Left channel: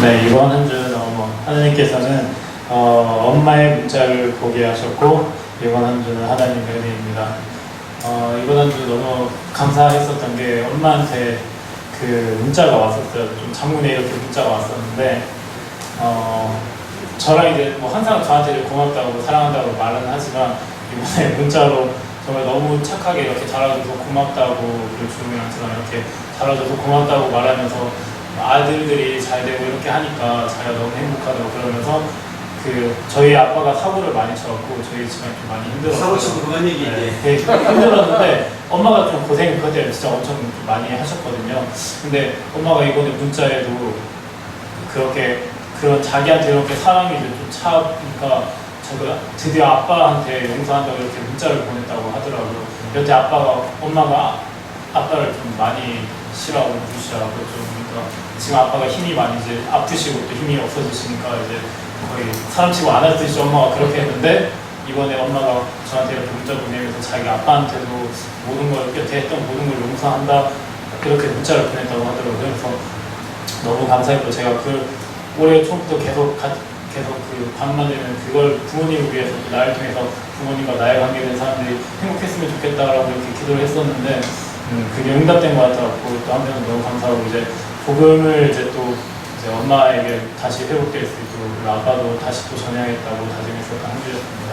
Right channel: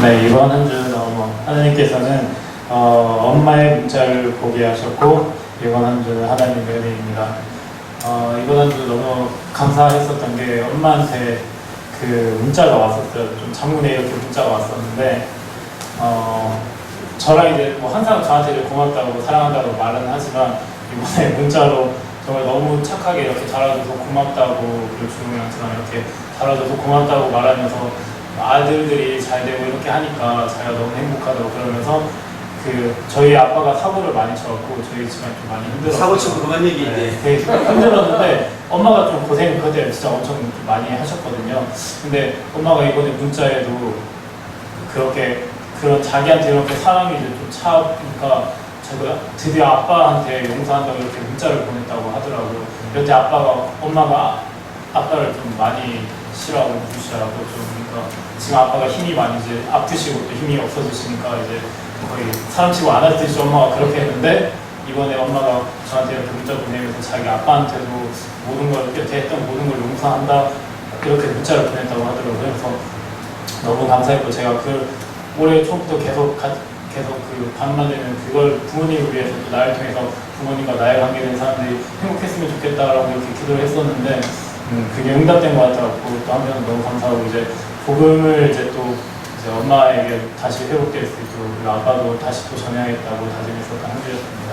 네, 이번 한 주 하나님께서는 엄마의 문자를 보게 하셨고, 이번 한 주는 하나님의 은혜입니다. 이번 한 주 너무 감사했었던 게 엄마한테 그 문자가 왔었어요. 좀 장문에 이렇게 문자가 왔었는데, 저랑 이제 항상 저한테 고맙다고 사랑한다고 말은 하지만, 이번에 문자로 정말 너무 착하게 이렇게 달아줘서 고맙다고, 그리고 주님이랑 저랑 이렇게 달아줘서 고맙다고 말하면서 아들들이 잘 되고 이렇게 하니까 자기가 너무 행복하다고 그러면서 저희 아빠가 사고를 많이 쳐갖고 저희 집안이 좀 많이 힘들었어요. 사고 치고 그만 얘기 이제. 네, 되게 힘들었는데 엄마가 좀 고생을 그때 진짜 엄청 많이 하셨거든요. 근데 엄마가 이번에 문자에도 그렇게 그런 자기한테 이렇게 사랑이 이제 좀 차니까 자기가 드디어 아빠한테 용서한다고 이렇게 문자를 보냈다고 하더라고요. 여태 엄마가 아빠를 좀 많이 싫어하고 무시하고 좀 그러니까 지금 아빠가 힘이 많이 이제 아프시고 또 힘이 없어지시니까 이제 거의 사람치고 안 하듯이 엄마가 그렇게 했는데 이번에 엄마가 저한테 이렇게 문자 보내면서 자기 아빠한테도 모든 걸 여태 했던 모든 걸 용서한다 이렇게 문자를 보냈다고 하더라고요. 그래서 너무 감사했고 제가 올해 초부터 계속 밤만 되면 그걸 부모님을 위해서 또 나를 통해서 부모님과 나의 관계된 사람들이 행복했으면 좋겠다라고 이렇게 기도를 했었는데 그게 응답된 것 같아서 또 한편은 너무 감사하고 이제 복음을 이제 엄마에게 다시 회복될 수 있도록 그리고 아빠도 다시 또 전해야겠다고 다짐했었던 한 주였습니다.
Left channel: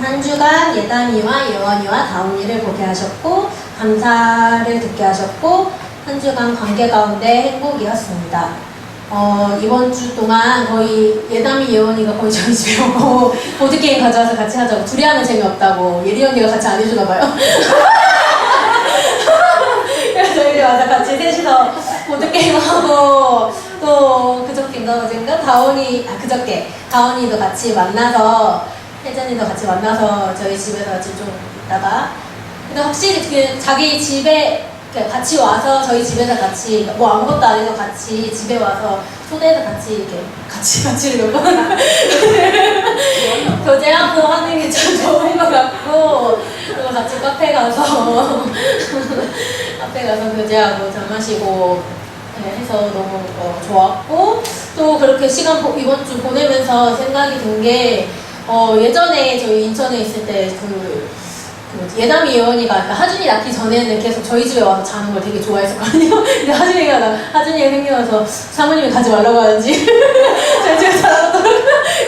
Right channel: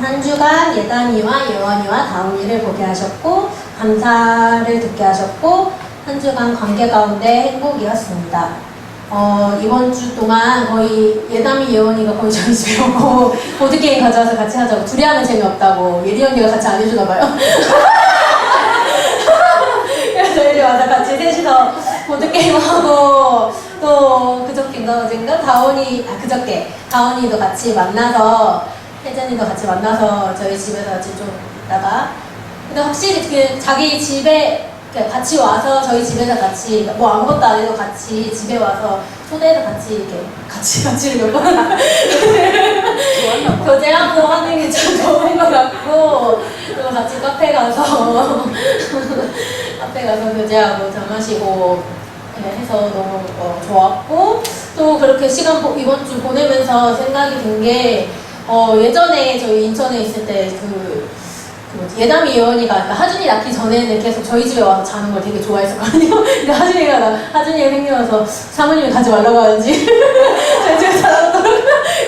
한 주간 예담이와 예원이와 다운이를 보게 하셨고 감사를 듣게 하셨고 한 주간 관계 가운데 행복이었습니다. 이번 주 동안 거의 예담이 예원이가 거의 저희 집에 오고 보드게임 가져와서 같이 하자고 둘이 하면 재미없다고 예리 언니가 같이 안 해주나 봐요. 그래서 이리 와서 같이 셋이서 보드게임하고 또 그저께인가 어젠가 그저께 다운이도 같이 만나서 혜전이도 같이 만나서 저희 집에서 같이 좀 있다가 근데 확실히 자기 집에 같이 와서 저희 집에서 같이 뭐 아무것도 안 해도 같이 집에 와서 초대해서 같이 이렇게 같이를 몇 번 교제하고 하는 게 참 좋은 것 같고 그리고 같이 카페 가서 교제하고 차 마시고 해서 너무 좋았고 또 그렇게 이번 주 보내면서 생각이 든 게 예전에 저희 인천에 있을 때 예담이 예원이가 하준이 낳기 전에는 계속 저희 집에 와서 자는 걸 되게 좋아했었거든요. 근데 하준이가 생겨서 사모님이 가지 말라고 하는지 저희 집에 자라고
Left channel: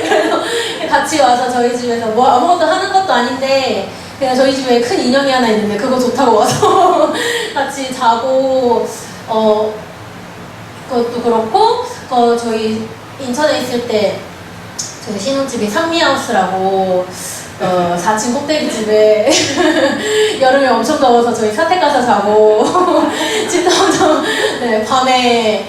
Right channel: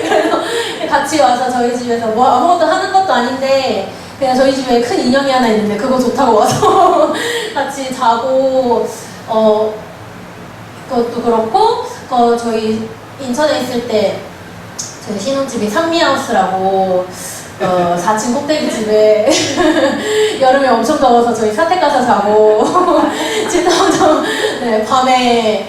그래서 같이 와서 저희 집에서 뭐 아무것도 하는 것도 아닌데 그냥 저희 집에 큰 인형이 하나 있는데 그거 좋다고 와서 같이 자고 그것도 그렇고 저희 인천에 있을 때 저희 신혼집이 상미하우스라고 4층 꼭대기집에 여름에 엄청 더워서 저희 사택 가서 자고 진짜 엄청 밤에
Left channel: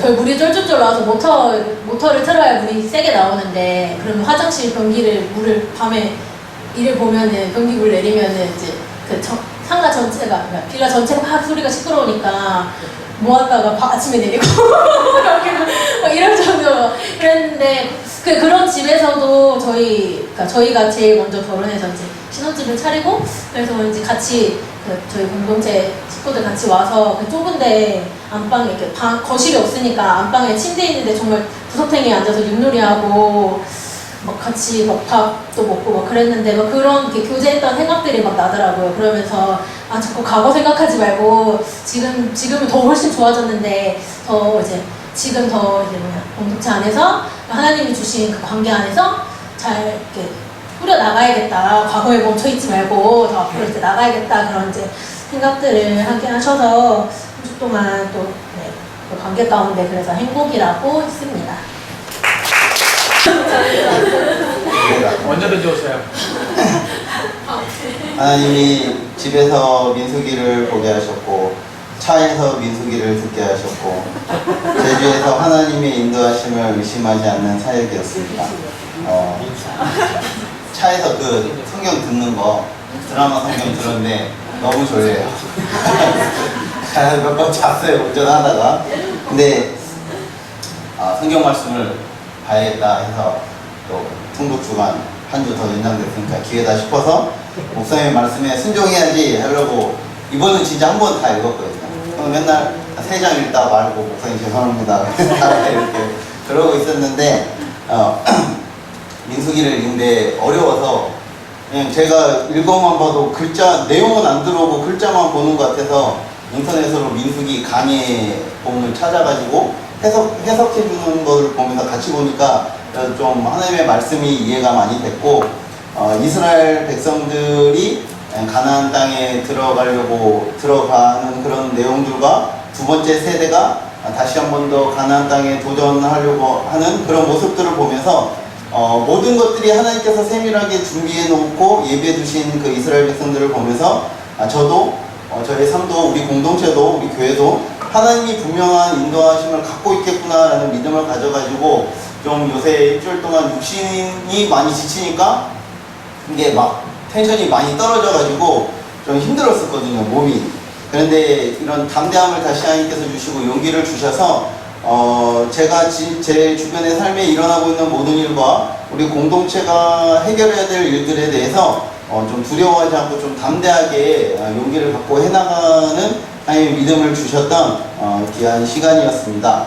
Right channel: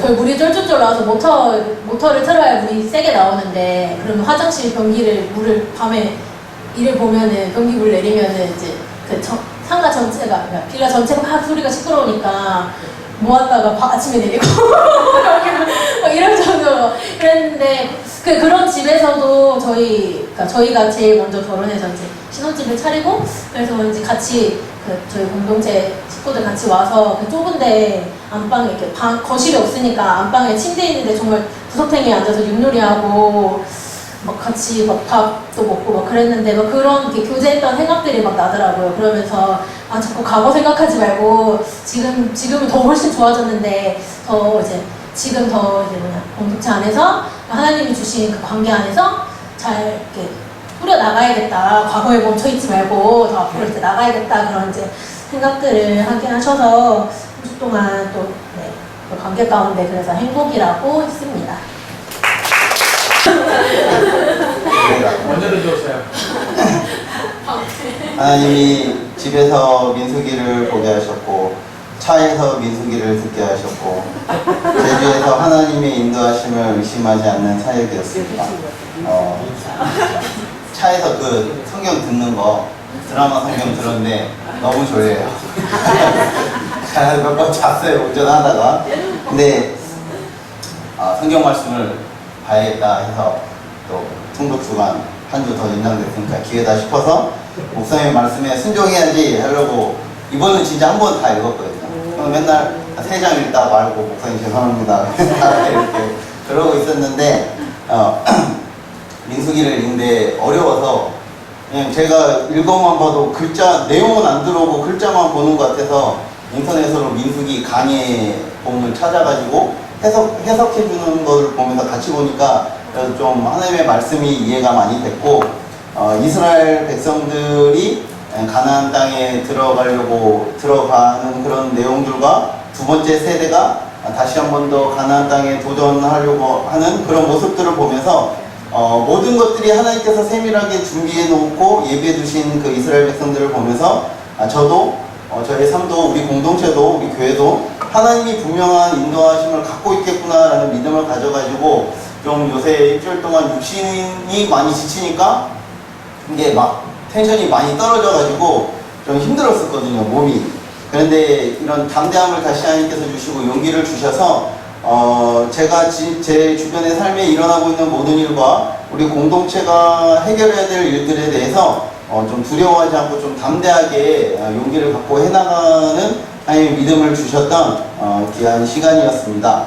저희 물이 쫄쫄쫄 나와서 모터를 틀어야 물이 세게 나오는데 그러면 화장실 변기를 밤에 이를 보면은 변기물 내리면은 이제 상가 전체가 빌라 전체가 막 소리가 시끄러우니까 모았다가 아침에 내리고 이럴 정도로 그랬는데 그런 집에서도 저희가 제일 먼저 결혼해서 이제 신혼집을 차리고 그래서 이제 같이 저희 공동체 식구들 같이 와서 좁은데 안방에 이렇게 거실이 없으니까 안방에 침대 있는데 정말 구석탱이에 앉아서 윷놀이하고 같이 밥도 먹고 그랬는데 그런 교제했던 생각들이 나더라고요. 그러면서 자꾸 과거 생각하지 말고 지금은 더 훨씬 좋아졌는데 지금 더 공동체 안에서 하나님이 주신 그 관계 안에서 잘 이렇게 꾸려 나가야겠다. 과거에 멈춰있지 말고 더 앞으로 이렇게 나가야겠다. 그런 이제 생각들을 하게 하셔서 한 주 동안 또 그 관계 가운데 그래서 행복이라고 했습니다. 언제든지 오세요. 하나님이 집에서 민수기를 보게 하셨고 차에서 민수기를 듣게 하셨고 제주에서 하나님의 인도하심을 의심하지 않는 사역이었습니다. 차에서 성경 듣는 거 드라마 성경 들었는데 너무 졸려요. 몇 번 잤어요 운전하다가. 근데 성경 말씀을 봐야겠다 해서 또 통독 주간 한 주 더 연장됐으니까 기회다 싶어서 목사님 말씀에 순종해야지 하려고 이번은 진짜 한 번 다 읽었거든요. 저는 맨날 3장 읽다 말고 목사님 죄송합니다 이렇게 그러고 있었는데 민수기를 읽는데 어려워서 그냥 제가 읽어만 봐도 글자 내용은 안 들어오고 글자만 보는 것 같아서 인터넷으로 민수기 강의 본문 찾아가지고 해석해 주는 걸 보면서 같이 보니까 그래서 좀 하나님의 말씀이 이해가 많이 됐고 이스라엘 백성들이 가나안 땅에 들어가는 그런 내용들과 두 번째 세대가 다시 한 번 더 가나안 땅에 도전하려고 하는 그런 모습들을 보면서 모든 것들이 하나님께서 세밀하게 준비해 놓고 예비해 두신 그 이스라엘 백성들을 보면서 저도 저의 삶도 우리 공동체도 우리 교회도 하나님이 분명한 인도하심을 갖고 있겠구나라는 믿음을 가져가지고 좀 요새 일주일 동안 육신이 많이 지치니까 이게 막 텐션이 많이 떨어져가지고 좀 힘들었었거든요, 몸이. 그런데 이런 담대함을 다시 하나님께서 주시고 용기를 주셔서 제가 제 주변의 삶에 일어나고 있는 모든 일과 우리 공동체가 해결해야 될 일들에 대해서 좀 두려워하지 않고 좀 담대하게 용기를 갖고 해나가는 하나님의 믿음을 주셨던 귀한 시간이었습니다.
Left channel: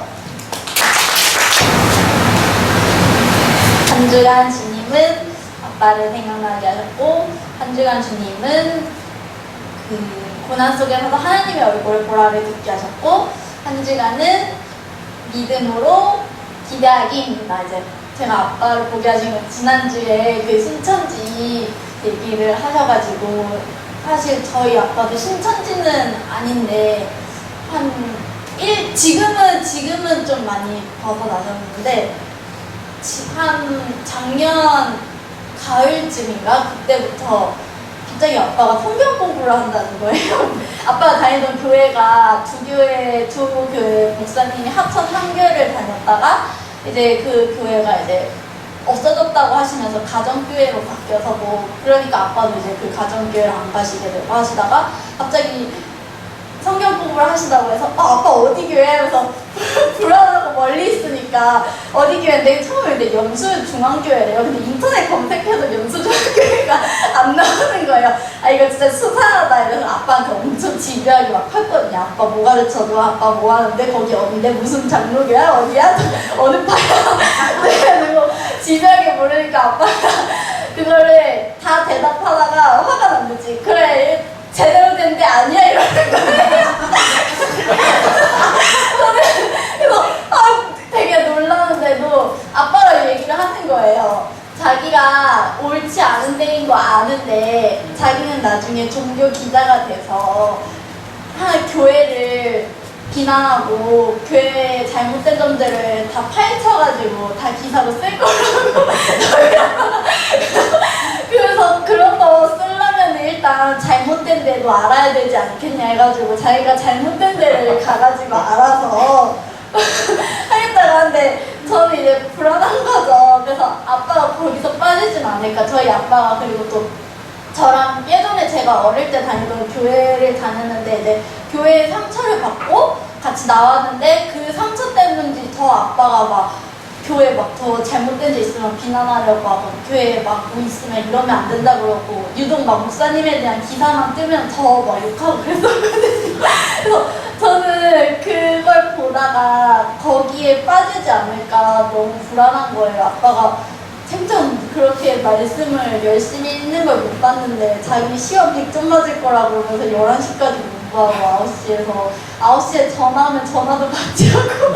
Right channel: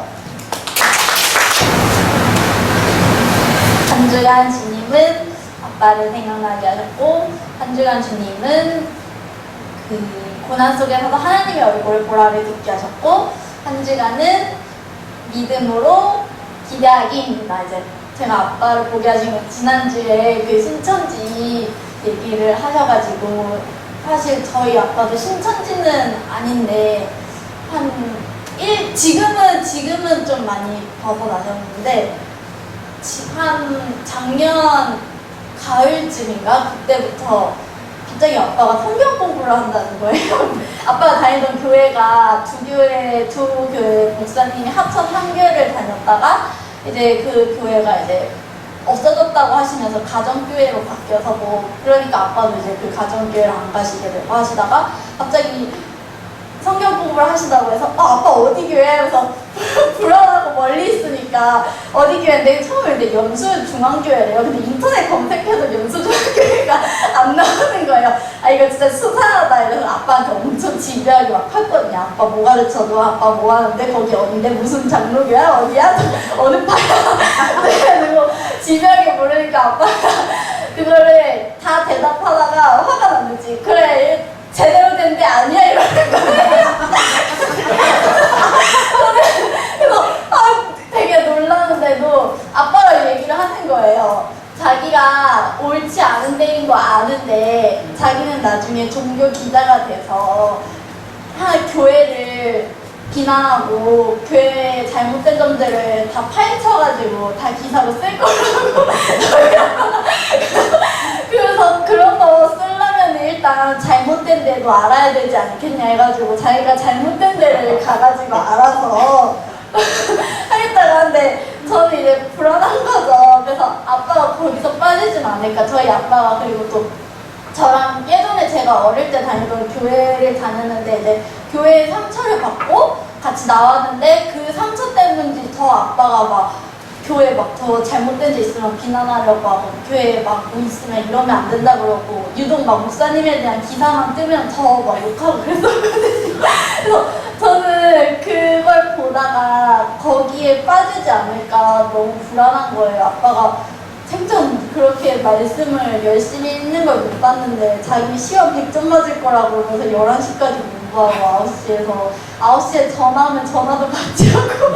한 주간 주님은 아빠를 생각나게 하셨고, 한 주간 주님은 그 고난 속에서도 하나님의 얼굴을 보라를 듣게 하셨고, 한 주간은 믿음으로 기대하기입니다. 이제 제가 아빠를 보게 하신 건 지난주에 그 신천지 얘기를 하셔가지고, 사실 저희 아빠도 신천지는 아닌데 지금은 좀 많이 벗어나셨는데 한 작년 가을쯤인가 그때부터 갑자기 아빠가 성경 공부를 한다는 거예요. 아빠가 다니던 교회가 두 교회 목사님이 합천 한 교회를 다녔다가 이제 그 교회가 이제 없어졌다고 하시면서 가정교회로 바뀌어서 뭐 그러니까 아빠도 이제 그 가정교회를 안 가시게 되고 하시다가 갑자기 성경 공부를 하시다고 해서 아빠 어디 교회? 하면서 불안하고 멀리 있으니까 어디 교회인데 처음에 근데 연수중앙교회래요. 근데 인터넷 검색해도 연수중앙교회가 안 나오는 거예요. 아 이거 진짜 수상하다 이래서 아빠한테 엄청 집요하게 막 했거든요. 아빠 뭐 가르쳐도 아빠 뭐 하는데 거기 어딘데 무슨 장로교야? 어디야? 어느 파야? 그래가지고 집요하게 물으니까 아빠가 그거를 다 대답하다가 화가 난 거지. 그래 제대로 된 데 아니야 이러는 거예요. 그래서 되게 놀라는데도 아빠가 얘기를 하는 거예요. 자기가 옳지 않은 데인 거 아는데 자기는 나중에 종교 기자가 돼서 교회를 비난하고 교회의 잘못된 점들을 다 파헤쳐가지고 다 기사로 쓸 거라고 그래서 그런 거 쓰려면 일단 잘못된 데도 알아야 되지 않겠냐 해가지고 자기가 잘못된 데를 가가지고 알아서 하겠다고 하는데 저는 이제 불안한 거죠. 그래서 아빠가 거기서 빠지진 않을까. 저희 아빠가 그리고 또 저랑 예전에 제가 어릴 때 다니던 교회를 다녔는데 이제 교회 상처를 받고 같이 나왔는데 그 상처 때문인지 더 아빠가 막 교회 막 더 잘못된 데 있으면 비난하려고 하고 교회에 막 뭐 있으면 이러면 안 된다 그러고 유독 막 목사님에 대한 기사만 뜨면 더 막 욕하고 그랬었거든요. 그래서 저는 그걸 보다가 거기에 빠지지 않을까 너무 불안한 거예요. 아빠가 생전 그렇게 말씀을 열심히 읽는 걸 못 봤는데 자기 시험 100점 맞을 거라고 그러면서 11시까지 공부하고 9시에 전화하면 전화도 받지 않고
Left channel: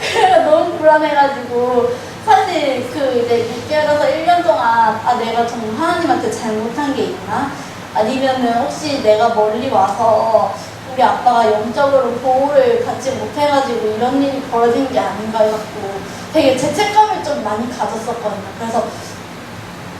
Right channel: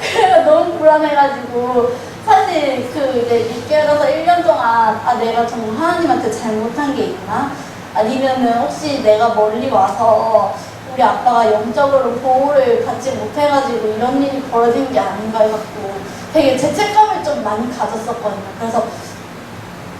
그래가 너무 불안해가지고 사실 그 이제 6개월에서 1년 동안 내가 정말 하나님한테 잘못한 게 있나? 아니면은 혹시 내가 멀리 와서 우리 아빠가 영적으로 보호를 받지 못해가지고 이런 일이 벌어진 게 아닌가 해갖고 되게 죄책감을 좀 많이 가졌었거든요. 그래서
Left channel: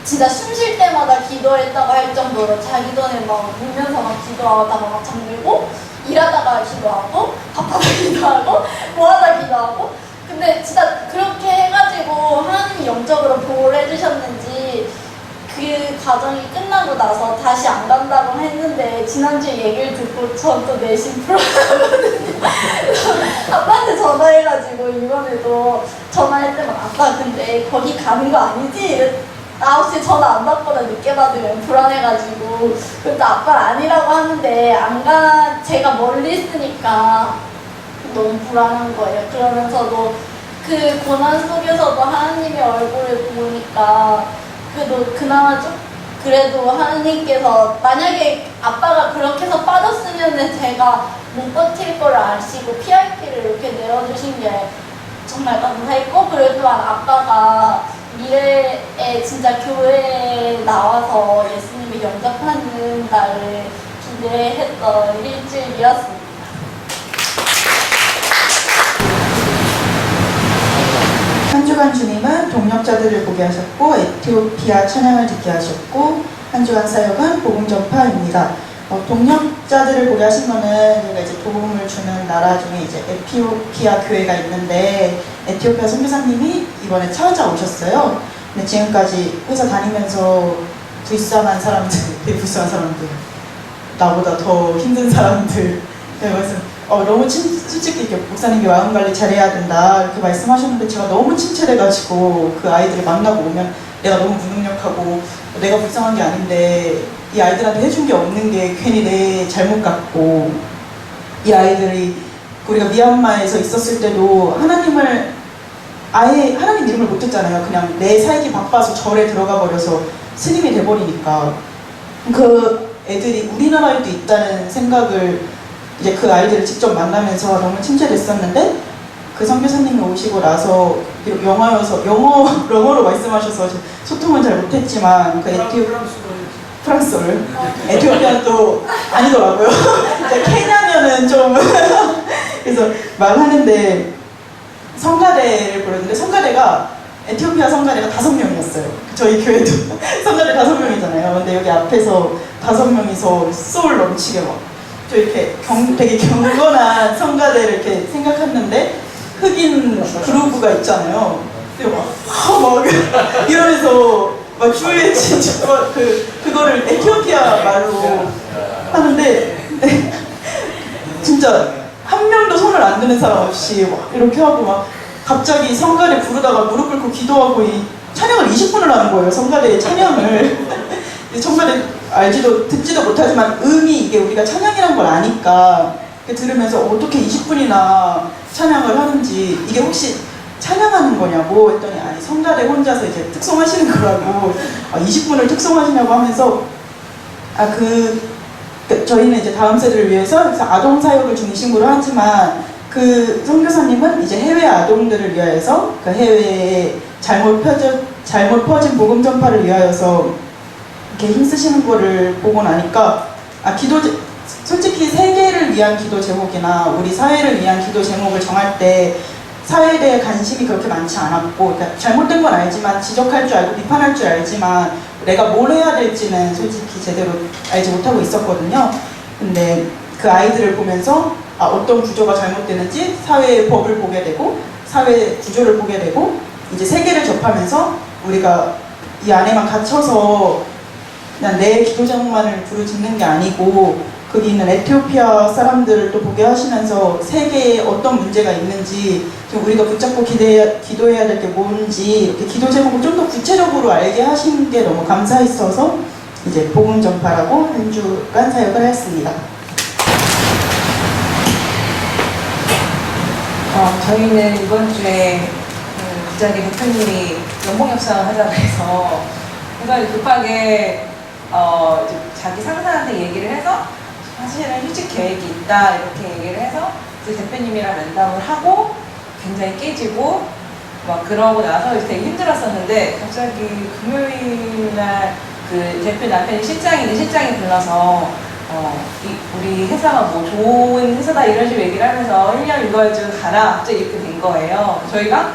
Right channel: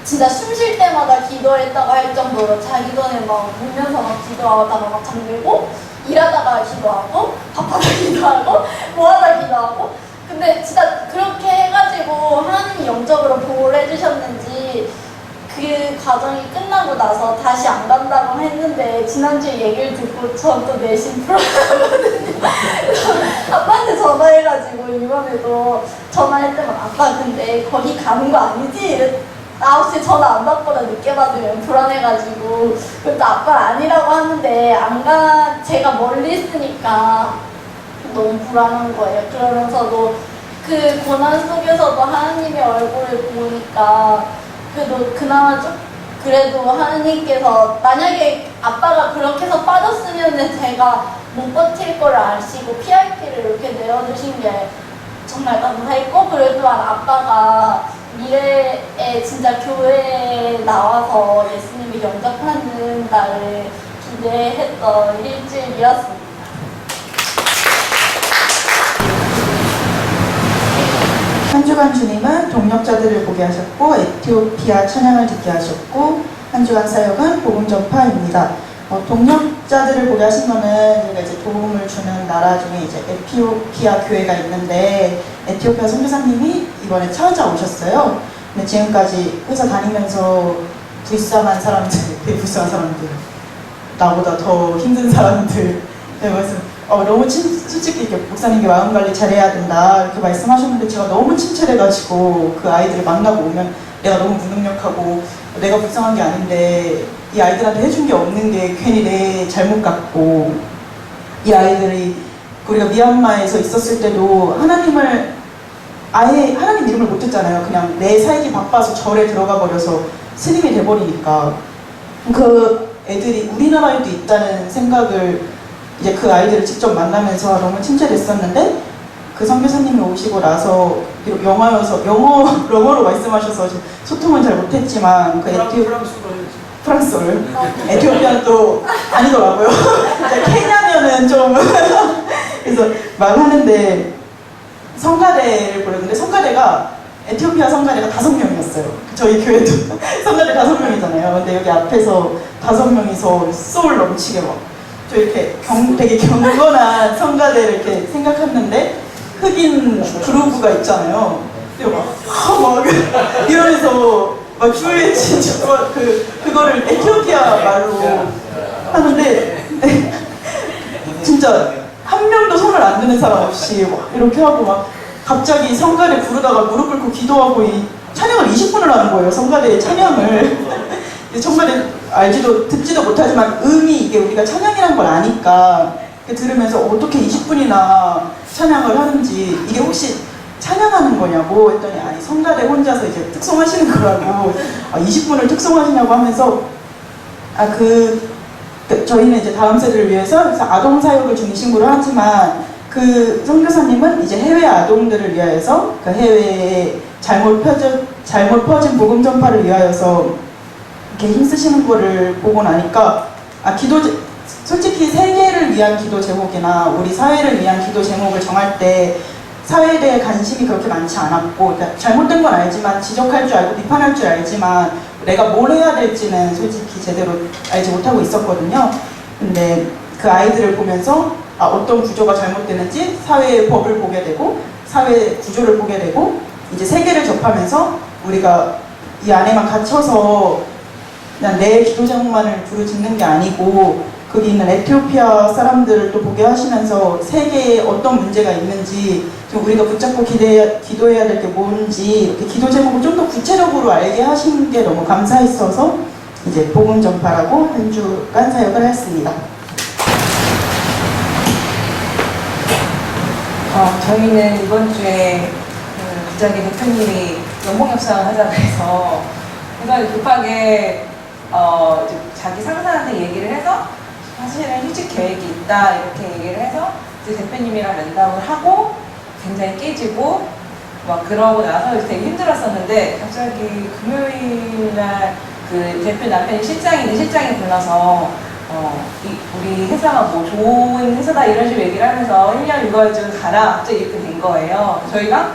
진짜 숨 쉴 때마다 기도했다고 할 정도로 자기 전에 막 울면서 막 기도하다가 막 잠들고 일하다가 기도하고 밥하다 기도하고 뭐하다 기도하고 근데 진짜 그렇게 해가지고 하나님이 영적으로 보호를 해주셨는지 그 과정이 끝나고 나서 다시 안 간다고 했는데 지난주에 얘기를 듣고 전 또 내심 불안하거든요. 아빠한테 전화해가지고 이번에도 전화할 때마다 아빠 근데 거기 가는 거 아니지? 9시 전화 안 받거나 늦게 받으면 불안해가지고 그것도 아빠가 아니라고 하는데 제가 멀리 있으니까 너무 불안한 거예요. 그러면서도 그 고난 속에서도 하나님의 얼굴을 보니까 그래도 그나마 좀 그래도 하나님께서 만약에 아빠가 그렇게 해서 빠졌으면 제가 못 버틸 걸 아시고 PRP를 이렇게 내어주신 게 정말 감사했고, 그래도만 아빠가 미래에 진짜 교회에 나와서 예수님을 영접하는 날을 기대했던 일주일이었습니다. 한 주간 주님은 동력자들을 보게 하셨고 에티오피아 찬양을 듣게 하셨고, 한 주간 사역은 복음 전파입니다. 동력자들을 보게 하신 거는 저희가 이제 도움을 주는 나라 중에 이제 에티오피아 교회가 있는데 에티오피아 선교사님이 이번에 찾아오셨어요. 근데 지금까지 회사 다니면서 불쌍한 사람들, 되게 불쌍한 사람들, 나보다 더 힘든 사람들, 너무 솔직히 이렇게 목사님이 마음 관리 잘해야 된다 이렇게 말씀하셨는데 제가 너무 친절해가지고 그 아이들을 만나고 오면 내가 너무 무능력하고 내가 불쌍한 게 아닌데 이 아이들한테 해준 게 없는 게 괜히 내 잘못 같고, 이 아이들이 우리가 미얀마에서 있었을 때도 하나님을 아예 하나님 이름을 못했잖아요. 그냥 내 살기 바빠서 절에 들어가 버려서 스님이 돼버리니까 그 애들이 우리나라에도 있다는 생각을 이제 그 아이들을 직접 만나면서 너무 친절했었는데, 그 선교사님이 오시고 나서 영어로 말씀하셔서 소통은 잘 못했지만 그 프랑스어를 에티오피아는 또 아니더라고요. 케냐면은 좀 그래서 말하는데 성가대를 부르는데 성가대가 에티오피아 성가대가 5명이었어요. 저희 교회도 성가대 5명이잖아요. 근데 여기 앞에서 5명이서 소울 넘치게 저 이렇게 되게 경건한 성가대를 이렇게 생각했는데 흑인 그루브가 있잖아요. 근데 막 이러면서 막 주위에 진짜 그거를 에티오피아 말로 하는데 진짜 한 명도 손을 안 드는 사람 없이 막 이렇게 하고 막 갑자기 성가대 부르다가 무릎 꿇고 기도하고 이 찬양을 20분을 하는 거예요. 성가대의 찬양을. 정말 듣지도 못하지만 이게 우리가 찬양이란 걸 아니까 들으면서 어떻게 20분이나 찬양을 하는지, 이게 혹시 찬양하는 거냐고 했더니 아니 성가대 혼자서 이제 특송하시는 거라고 20분을 특송하시냐고 하면서 저희는 이제 다음 세대를 위해서 아동 사역을 중심으로 하지만 그 선교사님은 이제 해외 아동들을 위하여서 그 해외에 잘못 퍼진 복음 전파를 위하여서 이렇게 힘쓰시는 거를 보고 나니까 솔직히 세계를 위한 기도 제목이나 우리 사회를 위한 기도 제목을 정할 때 사회에 대해 관심이 그렇게 많지 않았고, 그러니까 잘못된 건 알지만 지적할 줄 알고 비판할 줄 알지만 내가 뭘 해야 될지는 솔직히 제대로 알지 못하고 있었거든요. 근데 그 아이들을 보면서 어떤 구조가 잘못되는지 사회의 법을 보게 되고 사회 구조를 보게 되고, 이제 세계를 접하면서 우리가 이 안에만 갇혀서 그냥 내 기도 제목만을 부르짖는 게 아니고 거기 있는 에티오피아 사람들을 또 보게 하시면서 세계에 어떤 문제가 있는지 좀 우리가 붙잡고 기도해야 될 게 뭔지 이렇게 기도 제목을 좀 더 구체적으로 알게 하신 게 너무 감사했어서 이제 복음 전파라고 한 주간 사역을 했습니다. 저희는 이번 주에 부장의 대표님이 연봉 협상을 하자고 해서 급하게 자기 상사한테 얘기를 해서 사실은 휴직 계획이 있다 이렇게 얘기를 해서 이제 대표님이랑 면담을 하고 굉장히 깨지고 막 그러고 나서 되게 힘들었었는데, 갑자기 금요일 날 그 대표 남편이 실장이 불러서 우리 회사가 뭐 좋은 회사다 이런 식으로 얘기를 하면서 1년 육아휴직 가라 갑자기 이렇게 된 거예요. 저희가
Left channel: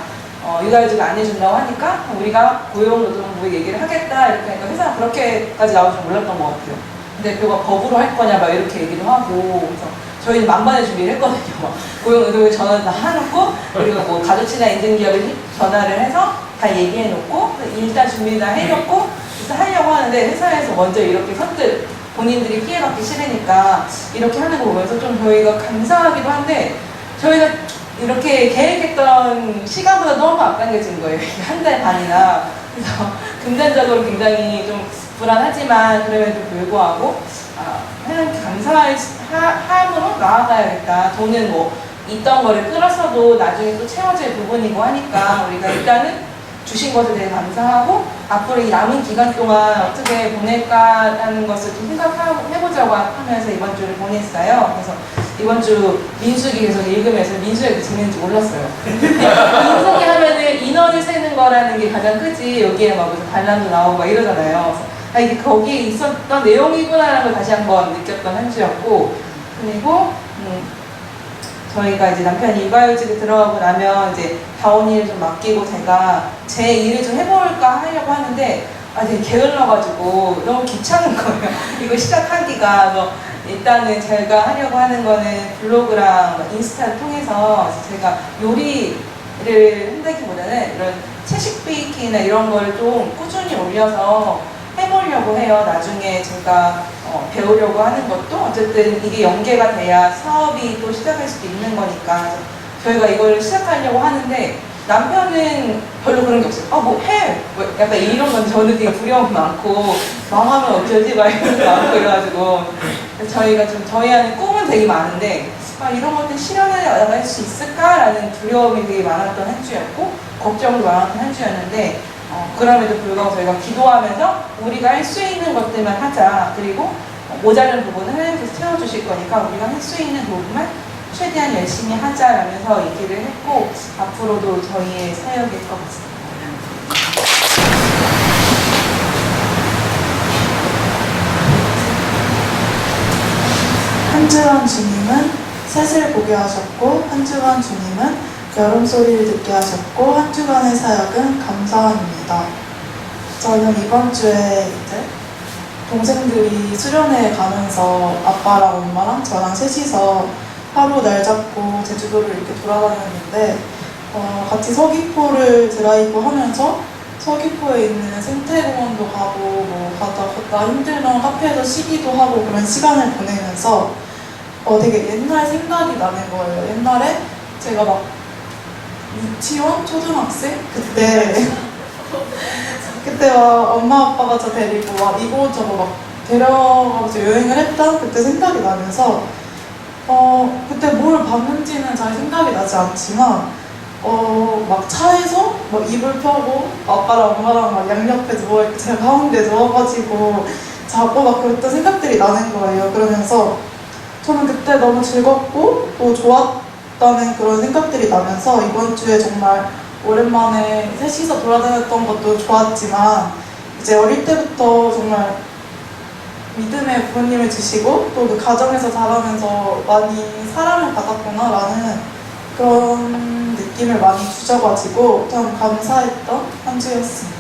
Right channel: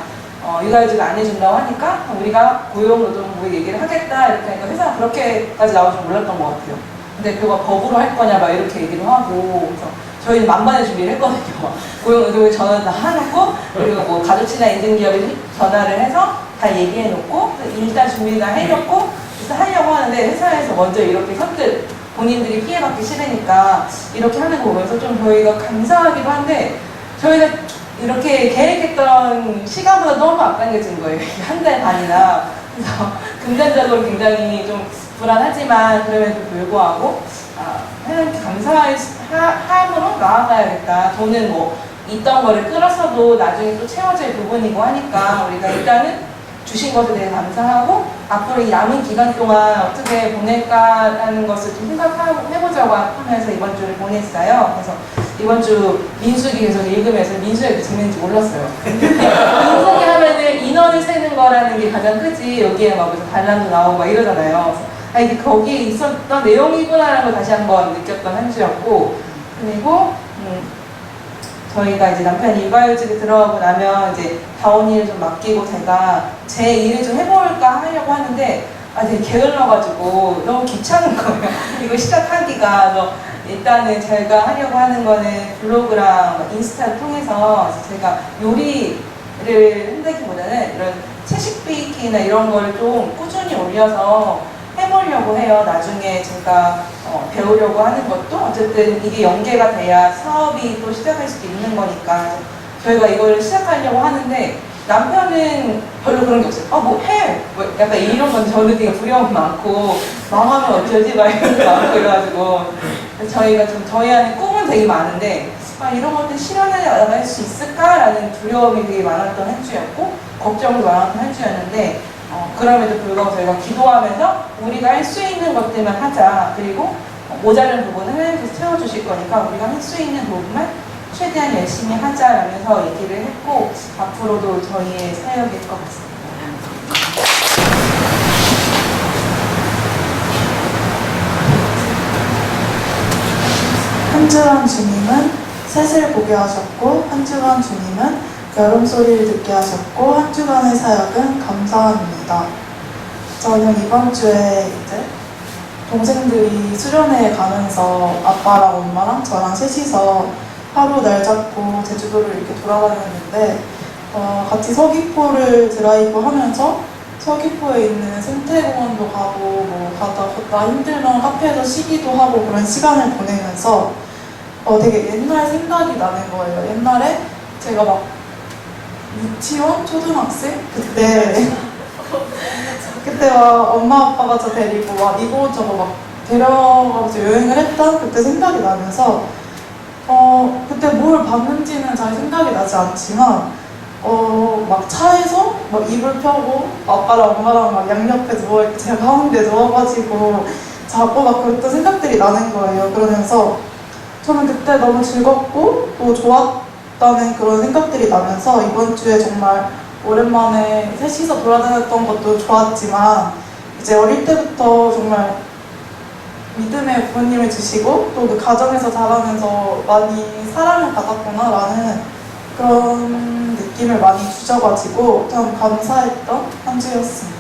육아휴직 안 해준다고 하니까 우리가 고용노동부 얘기를 하겠다 이렇게 하니까 회사가 그렇게까지 나올 줄 몰랐던 것 같아요. 근데 대표가 법으로 할 거냐 막 이렇게 얘기도 하고, 그래서 저희는 만반의 준비를 했거든요. 고용노동부에 전화를 다 해놓고, 그리고 뭐 가족친화 인증기업에 전화를 해서 다 얘기해놓고 일단 준비 다 해놓고 그래서 하려고 하는데, 회사에서 먼저 이렇게 선뜻 본인들이 피해받기 싫으니까 이렇게 하는 거 보면서 좀 저희가 감사하기도 한데, 저희가 이렇게 계획했던 시간보다 너무 아까워진 거예요. 한 달 반이나. 그래서 금전적으로 굉장히 좀 불안하지만 그럼에도 불구하고 하나님께 감사함으로 나아가야겠다. 돈은 뭐 있던 거를 끌었어도 나중에 또 채워질 부분이고 하니까 우리가 일단은 주신 것에 대해 감사하고 앞으로 이 남은 기간 동안 어떻게 보낼까라는 것을 좀 생각해보자고 하면서 이번 주를 보냈어요. 그래서 이번 주 민수기 계속 읽으면서 민수기가 이렇게 재밌는지 몰랐어요. 민수기 하면은 인원을 세는 거라는 게 가장 크지 여기에 막 무슨 반란도 나오고 막 이러잖아요. 그래서 이게 거기에 있었던 내용이구나라는 걸 다시 한번 느꼈던 한 주였고, 그리고 저희가 이제 남편이 육아휴직에 들어가고 나면 이제 다원이를 좀 맡기고 제가 제 일을 좀 해볼까 하려고 하는데 되게 게을러가지고 너무 귀찮은 거예요. 이거 시작하기가. 그래서 일단은 제가 하려고 하는 거는 블로그랑 인스타를 통해서 제가 요리를 한다기보다는 이런 채식 베이킹이나 이런 걸 좀 꾸준히 올려서 해보려고 해요. 나중에 제가 배우려고 하는 것도 어쨌든 이게 연계가 돼야 사업이 또 시작할 수도 있는 거니까 저희가 이걸 시작하려고 하는데 남편은 별로 그런 게 없어요. 뭐 해! 뭐 약간 이런 건 저는 되게 두려움 많고 망하면 어쩌지? 막 이런 게 많고 이래가지고 저희가 좀 저희 안에 꿈은 되게 많은데 이런 것들 실현해 나갈 수 있을까라는 두려움이 되게 많았던 한 주였고 걱정도 많았던 한 주였는데 그럼에도 불구하고 저희가 기도하면서 우리가 할 수 있는 것들만 하자. 그리고 모자른 부분은 하나님께서 채워주실 거니까 우리가 할 수 있는 부분만 최대한 열심히 하자라면서 얘기를 했고 앞으로도 저희의 사역일 것 같습니다. 한 주간 주님은 셋을 보게 하셨고, 한 주간 주님은 여름 소리를 듣게 하셨고, 한 주간의 사역은 감사합니다. 저는 이번 주에 이제 동생들이 수련회에 가면서 아빠랑 엄마랑 저랑 셋이서 하루 날 잡고 제주도를 이렇게 돌아다녔는데 같이 서귀포를 드라이브 하면서 서귀포에 있는 생태공원도 가고 뭐 가다 힘들면 카페에서 쉬기도 하고 그런 시간을 보내면서 되게 옛날 생각이 나는 거예요. 옛날에 제가 막 유치원? 초등학생? 그때 막 엄마 아빠가 저 데리고 막 이곳저곳 막 데려가면서 여행을 했던 그때 생각이 나면서 그때 뭘 봤는지는 잘 생각이 나지 않지만 막 차에서 막 이불 펴고 아빠랑 엄마랑 막 양옆에 누워있고 제가 가운데 누워가지고 자고 막 그랬던 생각들이 나는 거예요. 그러면서 저는 그때 너무 즐겁고 또 좋았다는 그런 생각들이 나면서 이번 주에 정말 오랜만에 셋이서 돌아다녔던 것도 좋았지만 이제 어릴 때부터 정말 믿음의 부모님을 주시고 또 그 가정에서 자라면서 많이 사랑을 받았구나라는 그런 느낌을 많이 주셔가지고 참 감사했던 한 주였습니다.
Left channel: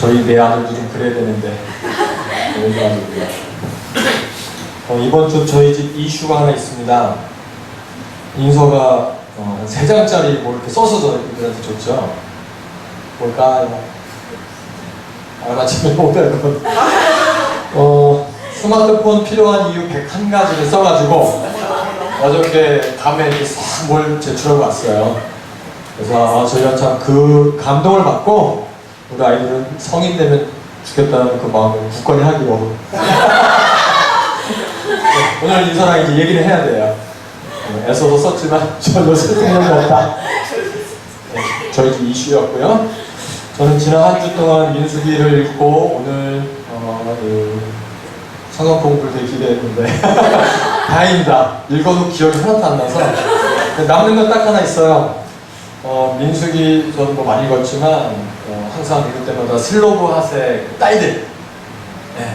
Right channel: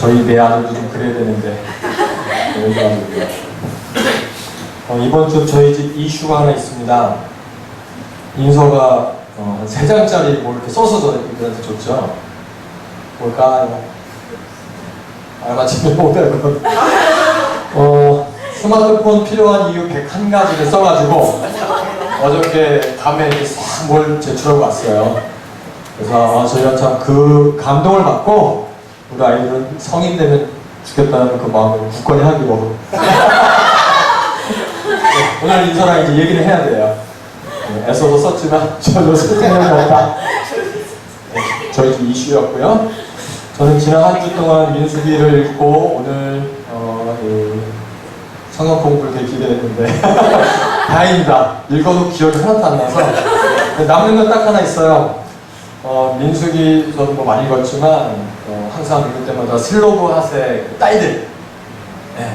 저희 내 아들도 좀 그래야 되는데 저희 아들도요. 이번 주 저희 집 이슈가 하나 있습니다. 인서가 3장짜리 뭐 이렇게 써서 저희들한테 줬죠. 뭘까요? 알맞히면 500원. 스마트폰 필요한 이유 101가지를 써가지고 어저께 밤에 이렇게 싹 뭘 제출하고 왔어요. 그래서 저희가 참 그 감동을 받고 우리 아이들은 성인 되면 죽겠다는 그 마음을 굳건히 하기로 오늘 인서랑 이제 얘기를 해야 돼요. 애써서 썼지만 전혀 쓸 생각이 없다. 저희 집 이슈였고요. 저는 지난 한 주 동안 민수기를 읽고 오늘 성경 공부를 되게 기대했는데 다행입니다. 읽어도 기억이 하나도 안 나서 남는 건 딱 하나 있어요. 민수기 저도 뭐 많이 읽었지만 항상 읽을 때마다 슬로브핫의 딸들,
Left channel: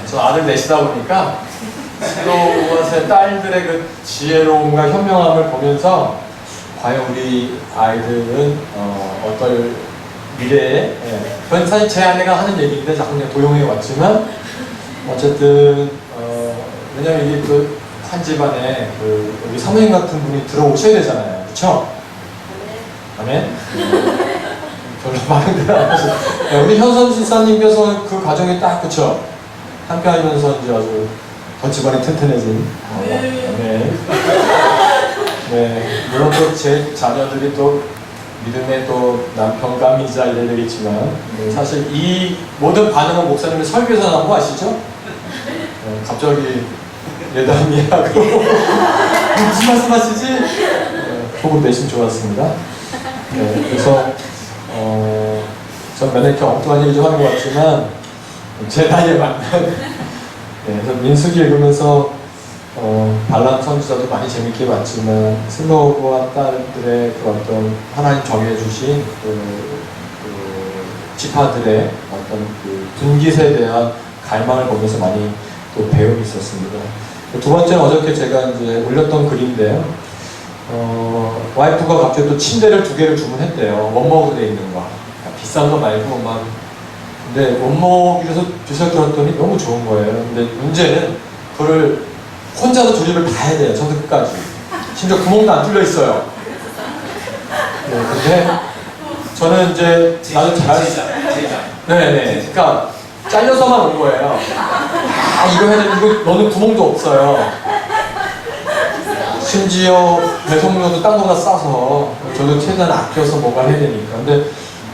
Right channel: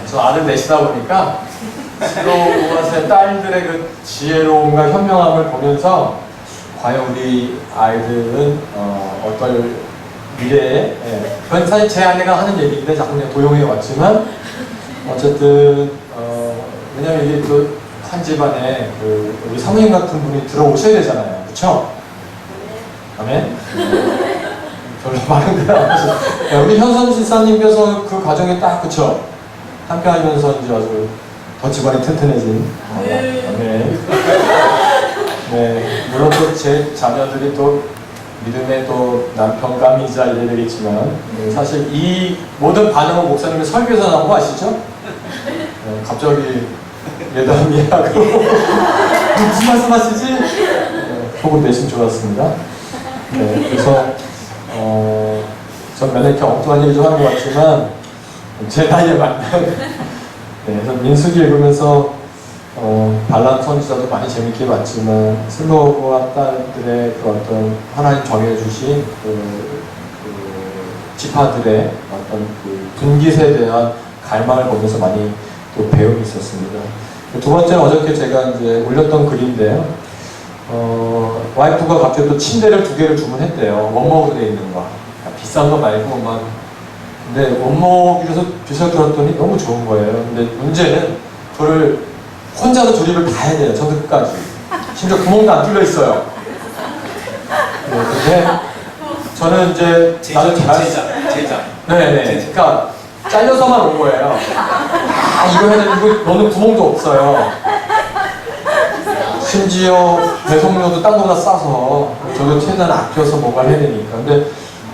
저 아들 넷이다 보니까 슬로브핫의 딸들의 그 지혜로움과 현명함을 보면서 과연 우리 아이들은 어떨 미래에, 그건 사실 제 아내가 하는 얘기인데 자꾸 그냥 도용해 왔지만 어쨌든 왜냐면 이게 그 한 집안에 그 우리 사모님 같은 분이 들어오셔야 되잖아요, 그렇죠? 아멘. 별로 많은 데안 하셔. 우리 현선 실사님께서 그 과정에 딱 그쵸? 함께 하면서 이제 아주 더 집안이 튼튼해진. 아멘. 네, 물론 또 제 자녀들이 또 믿음의 또 남편감이자 이래야 되겠지만 사실 이 모든 반응은 목사님의 설교에서 나온 거 아시죠? 갑자기 예담이하고 무슨 말씀하시지? 보고 내심 좋았습니다. 네, 그래서 전 맨날 이렇게 엉뚱한 얘기 좀 하는 것 같지만 제 나이에 맞는 네, 그래서 민수기 읽으면서 발람 선지자도 많이 재밌게 봤지만 슬로우와 딸들의 그 어떤 하나님 정해주신 그 지파들의 어떤 그 분깃에 대한 갈망을 보면서 많이 또 배움이 있었습니다. 두 번째는 어저께 제가 이제 올렸던 글인데요. 와이프가 갑자기 또 침대를 2개를 주문했대요. 원목으로 되어 있는 거. 비싼 거 말고 근데 원목이라서 비싸게 들었더니 너무 좋은 거예요. 근데 문제는 그거를 혼자서 조립을 다 해야 돼요. 처음부터 끝까지. 심지어 구멍도 안 뚫려 있어요. 네, 근데 저는 이제 나도 제작. 네네. 그러니까 잘려서만 온 거예요. 이거 해야 돼. 이거 너는 구멍도 없어요. 심지어 배송료도 딴 거보다 싸서 저도 최대한 아껴서 뭔가를 해야 되니까. 근데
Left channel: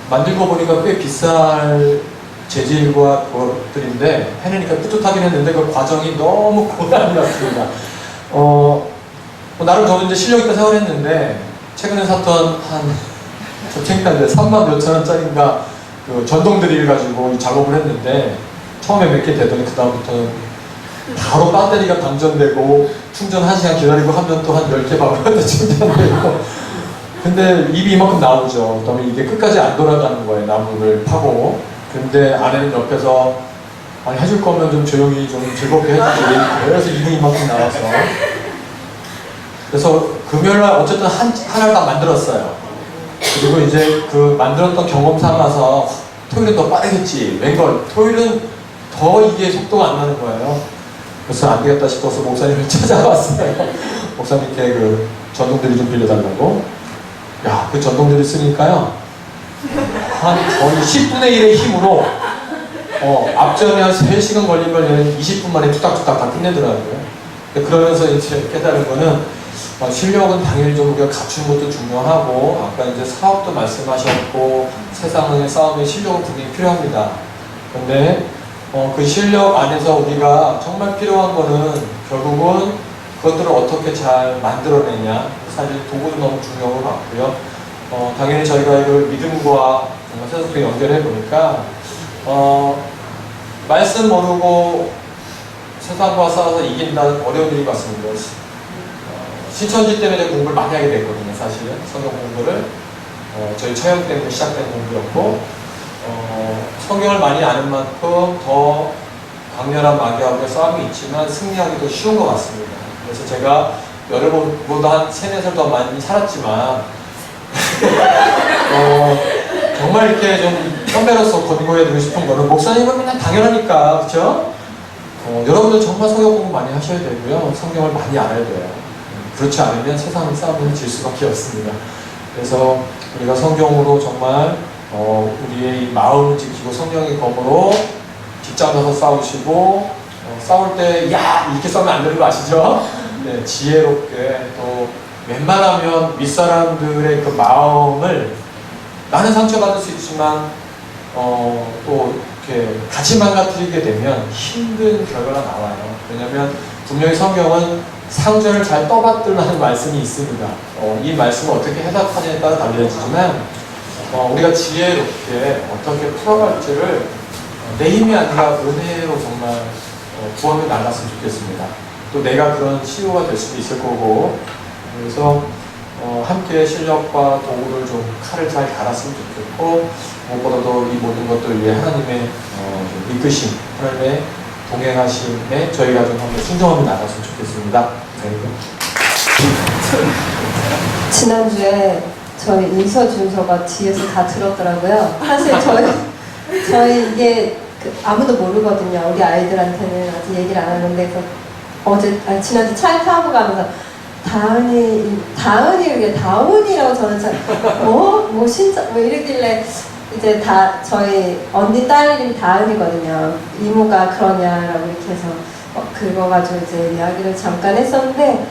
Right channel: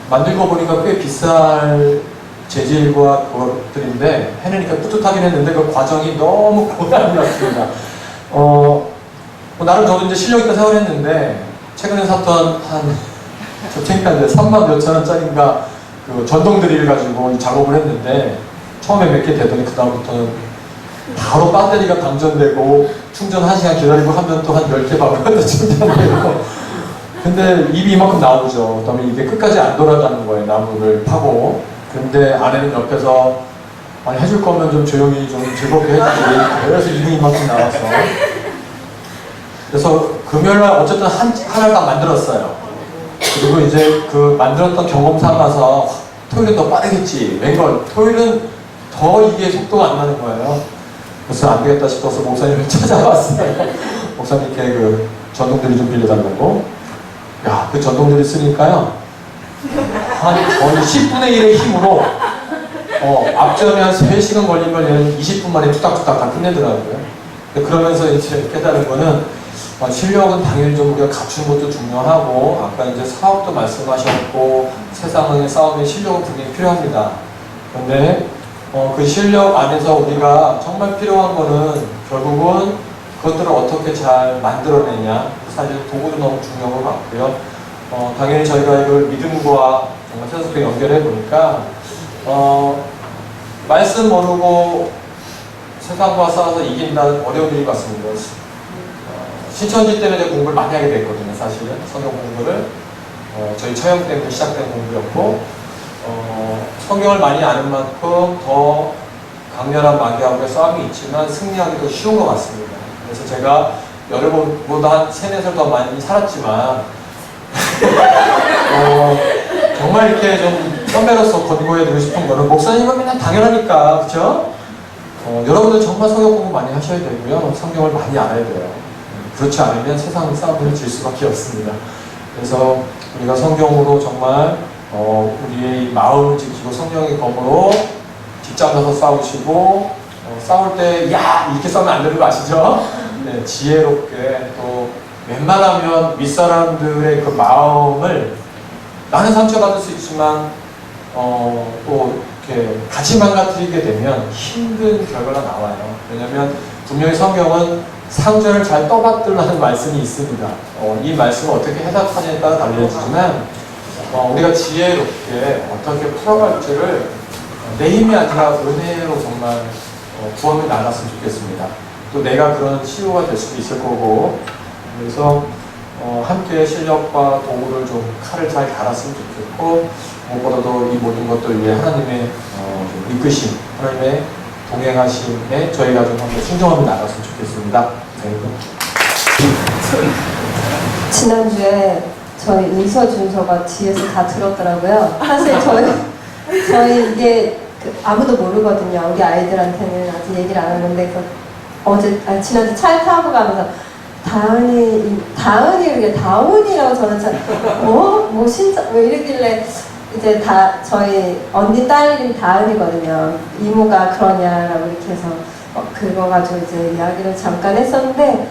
만들고 보니까 꽤 비쌀 재질과 그것들인데 해내니까 뿌듯하긴 했는데 그 과정이 너무 고난이었습니다. 나름 저도 이제 실력 있다 생각을 했는데 최근에 샀던 저 책인데 3만 몇천 원짜리인가 그 전동 드릴 가지고 작업을 했는데 처음에 몇 개 되더니 그 다음부터는 바로 배터리가 방전되고 충전 1시간 기다리고 하면 또 한 10개 박으면 충전되고 근데 입이 이만큼 나오죠. 그다음에 이게 끝까지 안 돌아가는 거예요. 나무를 파고. 근데 아내는 옆에서 아니 해줄 거면 좀 조용히 좀 즐겁게 해주지. 그래서 입이 이만큼 나와서 그래서 금요일날 어쨌든 하나를 다 만들었어요. 그리고 이제 그 만들었던 경험 삼아서 토요일은 더 빠르겠지. 웬걸 토요일은 더 이게 속도가 안 나는 거예요. 그래서 안 되겠다 싶어서 목사님을 찾아왔어요. 목사님께 그 전동들이 좀 빌려달라고. 야, 그 전동들이 쓰니까요. 한 거의 10분의 1의 힘으로 앞전에 한 3시간 걸린 걸 얘는 20분 만에 뚝딱뚝딱 다 끝내더라고요. 그러면서 이제 깨달은 거는 실력은 당연히 좀 우리가 갖춘 것도 중요하고 아까 이제 사업도 말씀하셨고 세상의 싸움에 실력은 분명히 필요합니다. 근데 그 실력 안에서 우리가 정말 필요한 거는 결국은 그것들을 어떻게 잘 만들어내냐. 사실 도구도 너무 중요한 것 같고요. 당연히 저희가 이걸 믿음과 정말 세상과 연결해 보니까 말씀 모르고 세상과 싸워서 이긴다 어려운 일이 같습니다. 신천지 때문에 공부를 많이 하게 됐거든요. 사실은 성경 공부를 저희 처형 때문에 시작된 공부였고 성경을 많이 아는 만큼 더 강렬한 마귀하고의 싸움이 있지만 승리하기도 쉬운 것 같습니다. 그래서 제가 여러분보다 한 3, 4살 더 많이 살았지만 정말 이렇게 좀 선배로서 권고해드리고 싶은 거는 목사님은 그냥 당연하니까 그렇죠? 여러분들 정말 성경 공부 많이 하셔야 되고요. 성경을 많이 알아야 돼요. 그렇지 않으면 세상 싸움을 질 수밖에 없습니다. 그래서 우리가 성경으로 정말 우리의 마음을 지키고 성령의 검으로 직장 가서 싸우시고 싸울 때 야 이렇게 싸우면 안 되는 거 아시죠? 네, 지혜롭게 또 웬만하면 윗사람들의 그 마음을 나는 상처받을 수 있지만 또 이렇게 같이 망가뜨리게 되면 힘든 결과가 나와요. 왜냐하면 분명히 성경은 상전을 잘 떠받들라는 말씀이 있습니다. 이 말씀을 어떻게 해석하냐에 따라 달라지지만 우리가 지혜롭게 어떻게 풀어갈지를 내 힘이 아니라 은혜로 정말 구원을 나갔으면 좋겠습니다. 또 내가 그런 치유가 될 수도 있을 거고 그래서 함께 실력과 도구를 좀 칼을 잘 갈았으면 좋겠고 무엇보다도 이 모든 것들 위해 하나님의 이끄심, 하나님의 동행하심에 저희가 좀 함께 순종하며 나갔으면 좋겠습니다. 네. 지난주에 저희 은서 준서가 뒤에서 다 들었더라고요. 사실 저희 이게 아무도 모르거든요. 우리 아이들한테는 아직 얘기를 안 하는데 지난주 차에 타고 가면서 다운이라고 저는 진짜 왜 이러길래 이제 저희 언니 딸 이름이 다은이거든요. 이모가 그러냐라고 이렇게 해서 그거 가지고 이제 이야기를 잠깐 했었는데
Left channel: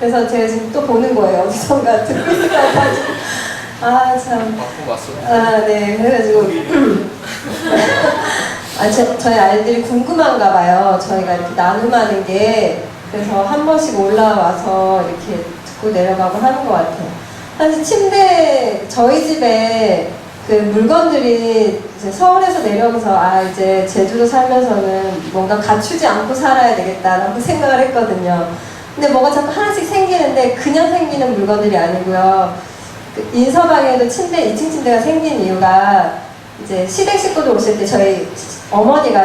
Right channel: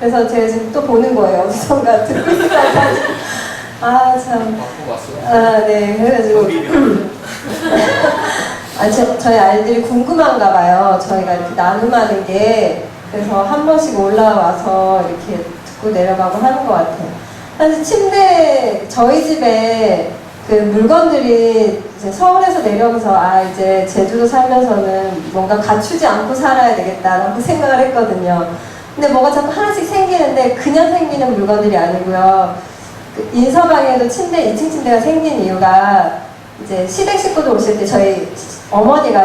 그래서 제가 지금 또 보는 거예요. 어디선가 듣고 있다가. 아, 참. 아, 네. 그래가지고. 저희 아이들이 궁금한가 봐요. 저희가 이렇게 나눔하는 게. 그래서 한 번씩 올라와서 이렇게 듣고 내려가고 하는 것 같아요. 사실 침대, 저희 집에 그 물건들이 이제 서울에서 내려오면서 이제 제주도 살면서는 뭔가 갖추지 않고 살아야 되겠다라고 생각을 했거든요. 근데 뭐가 자꾸 하나씩 생기는데 그냥 생기는 물건들이 아니고요. 그 인서방에도 2층 침대가 생긴 이유가 이제 시댁 식구들 오실 때 저희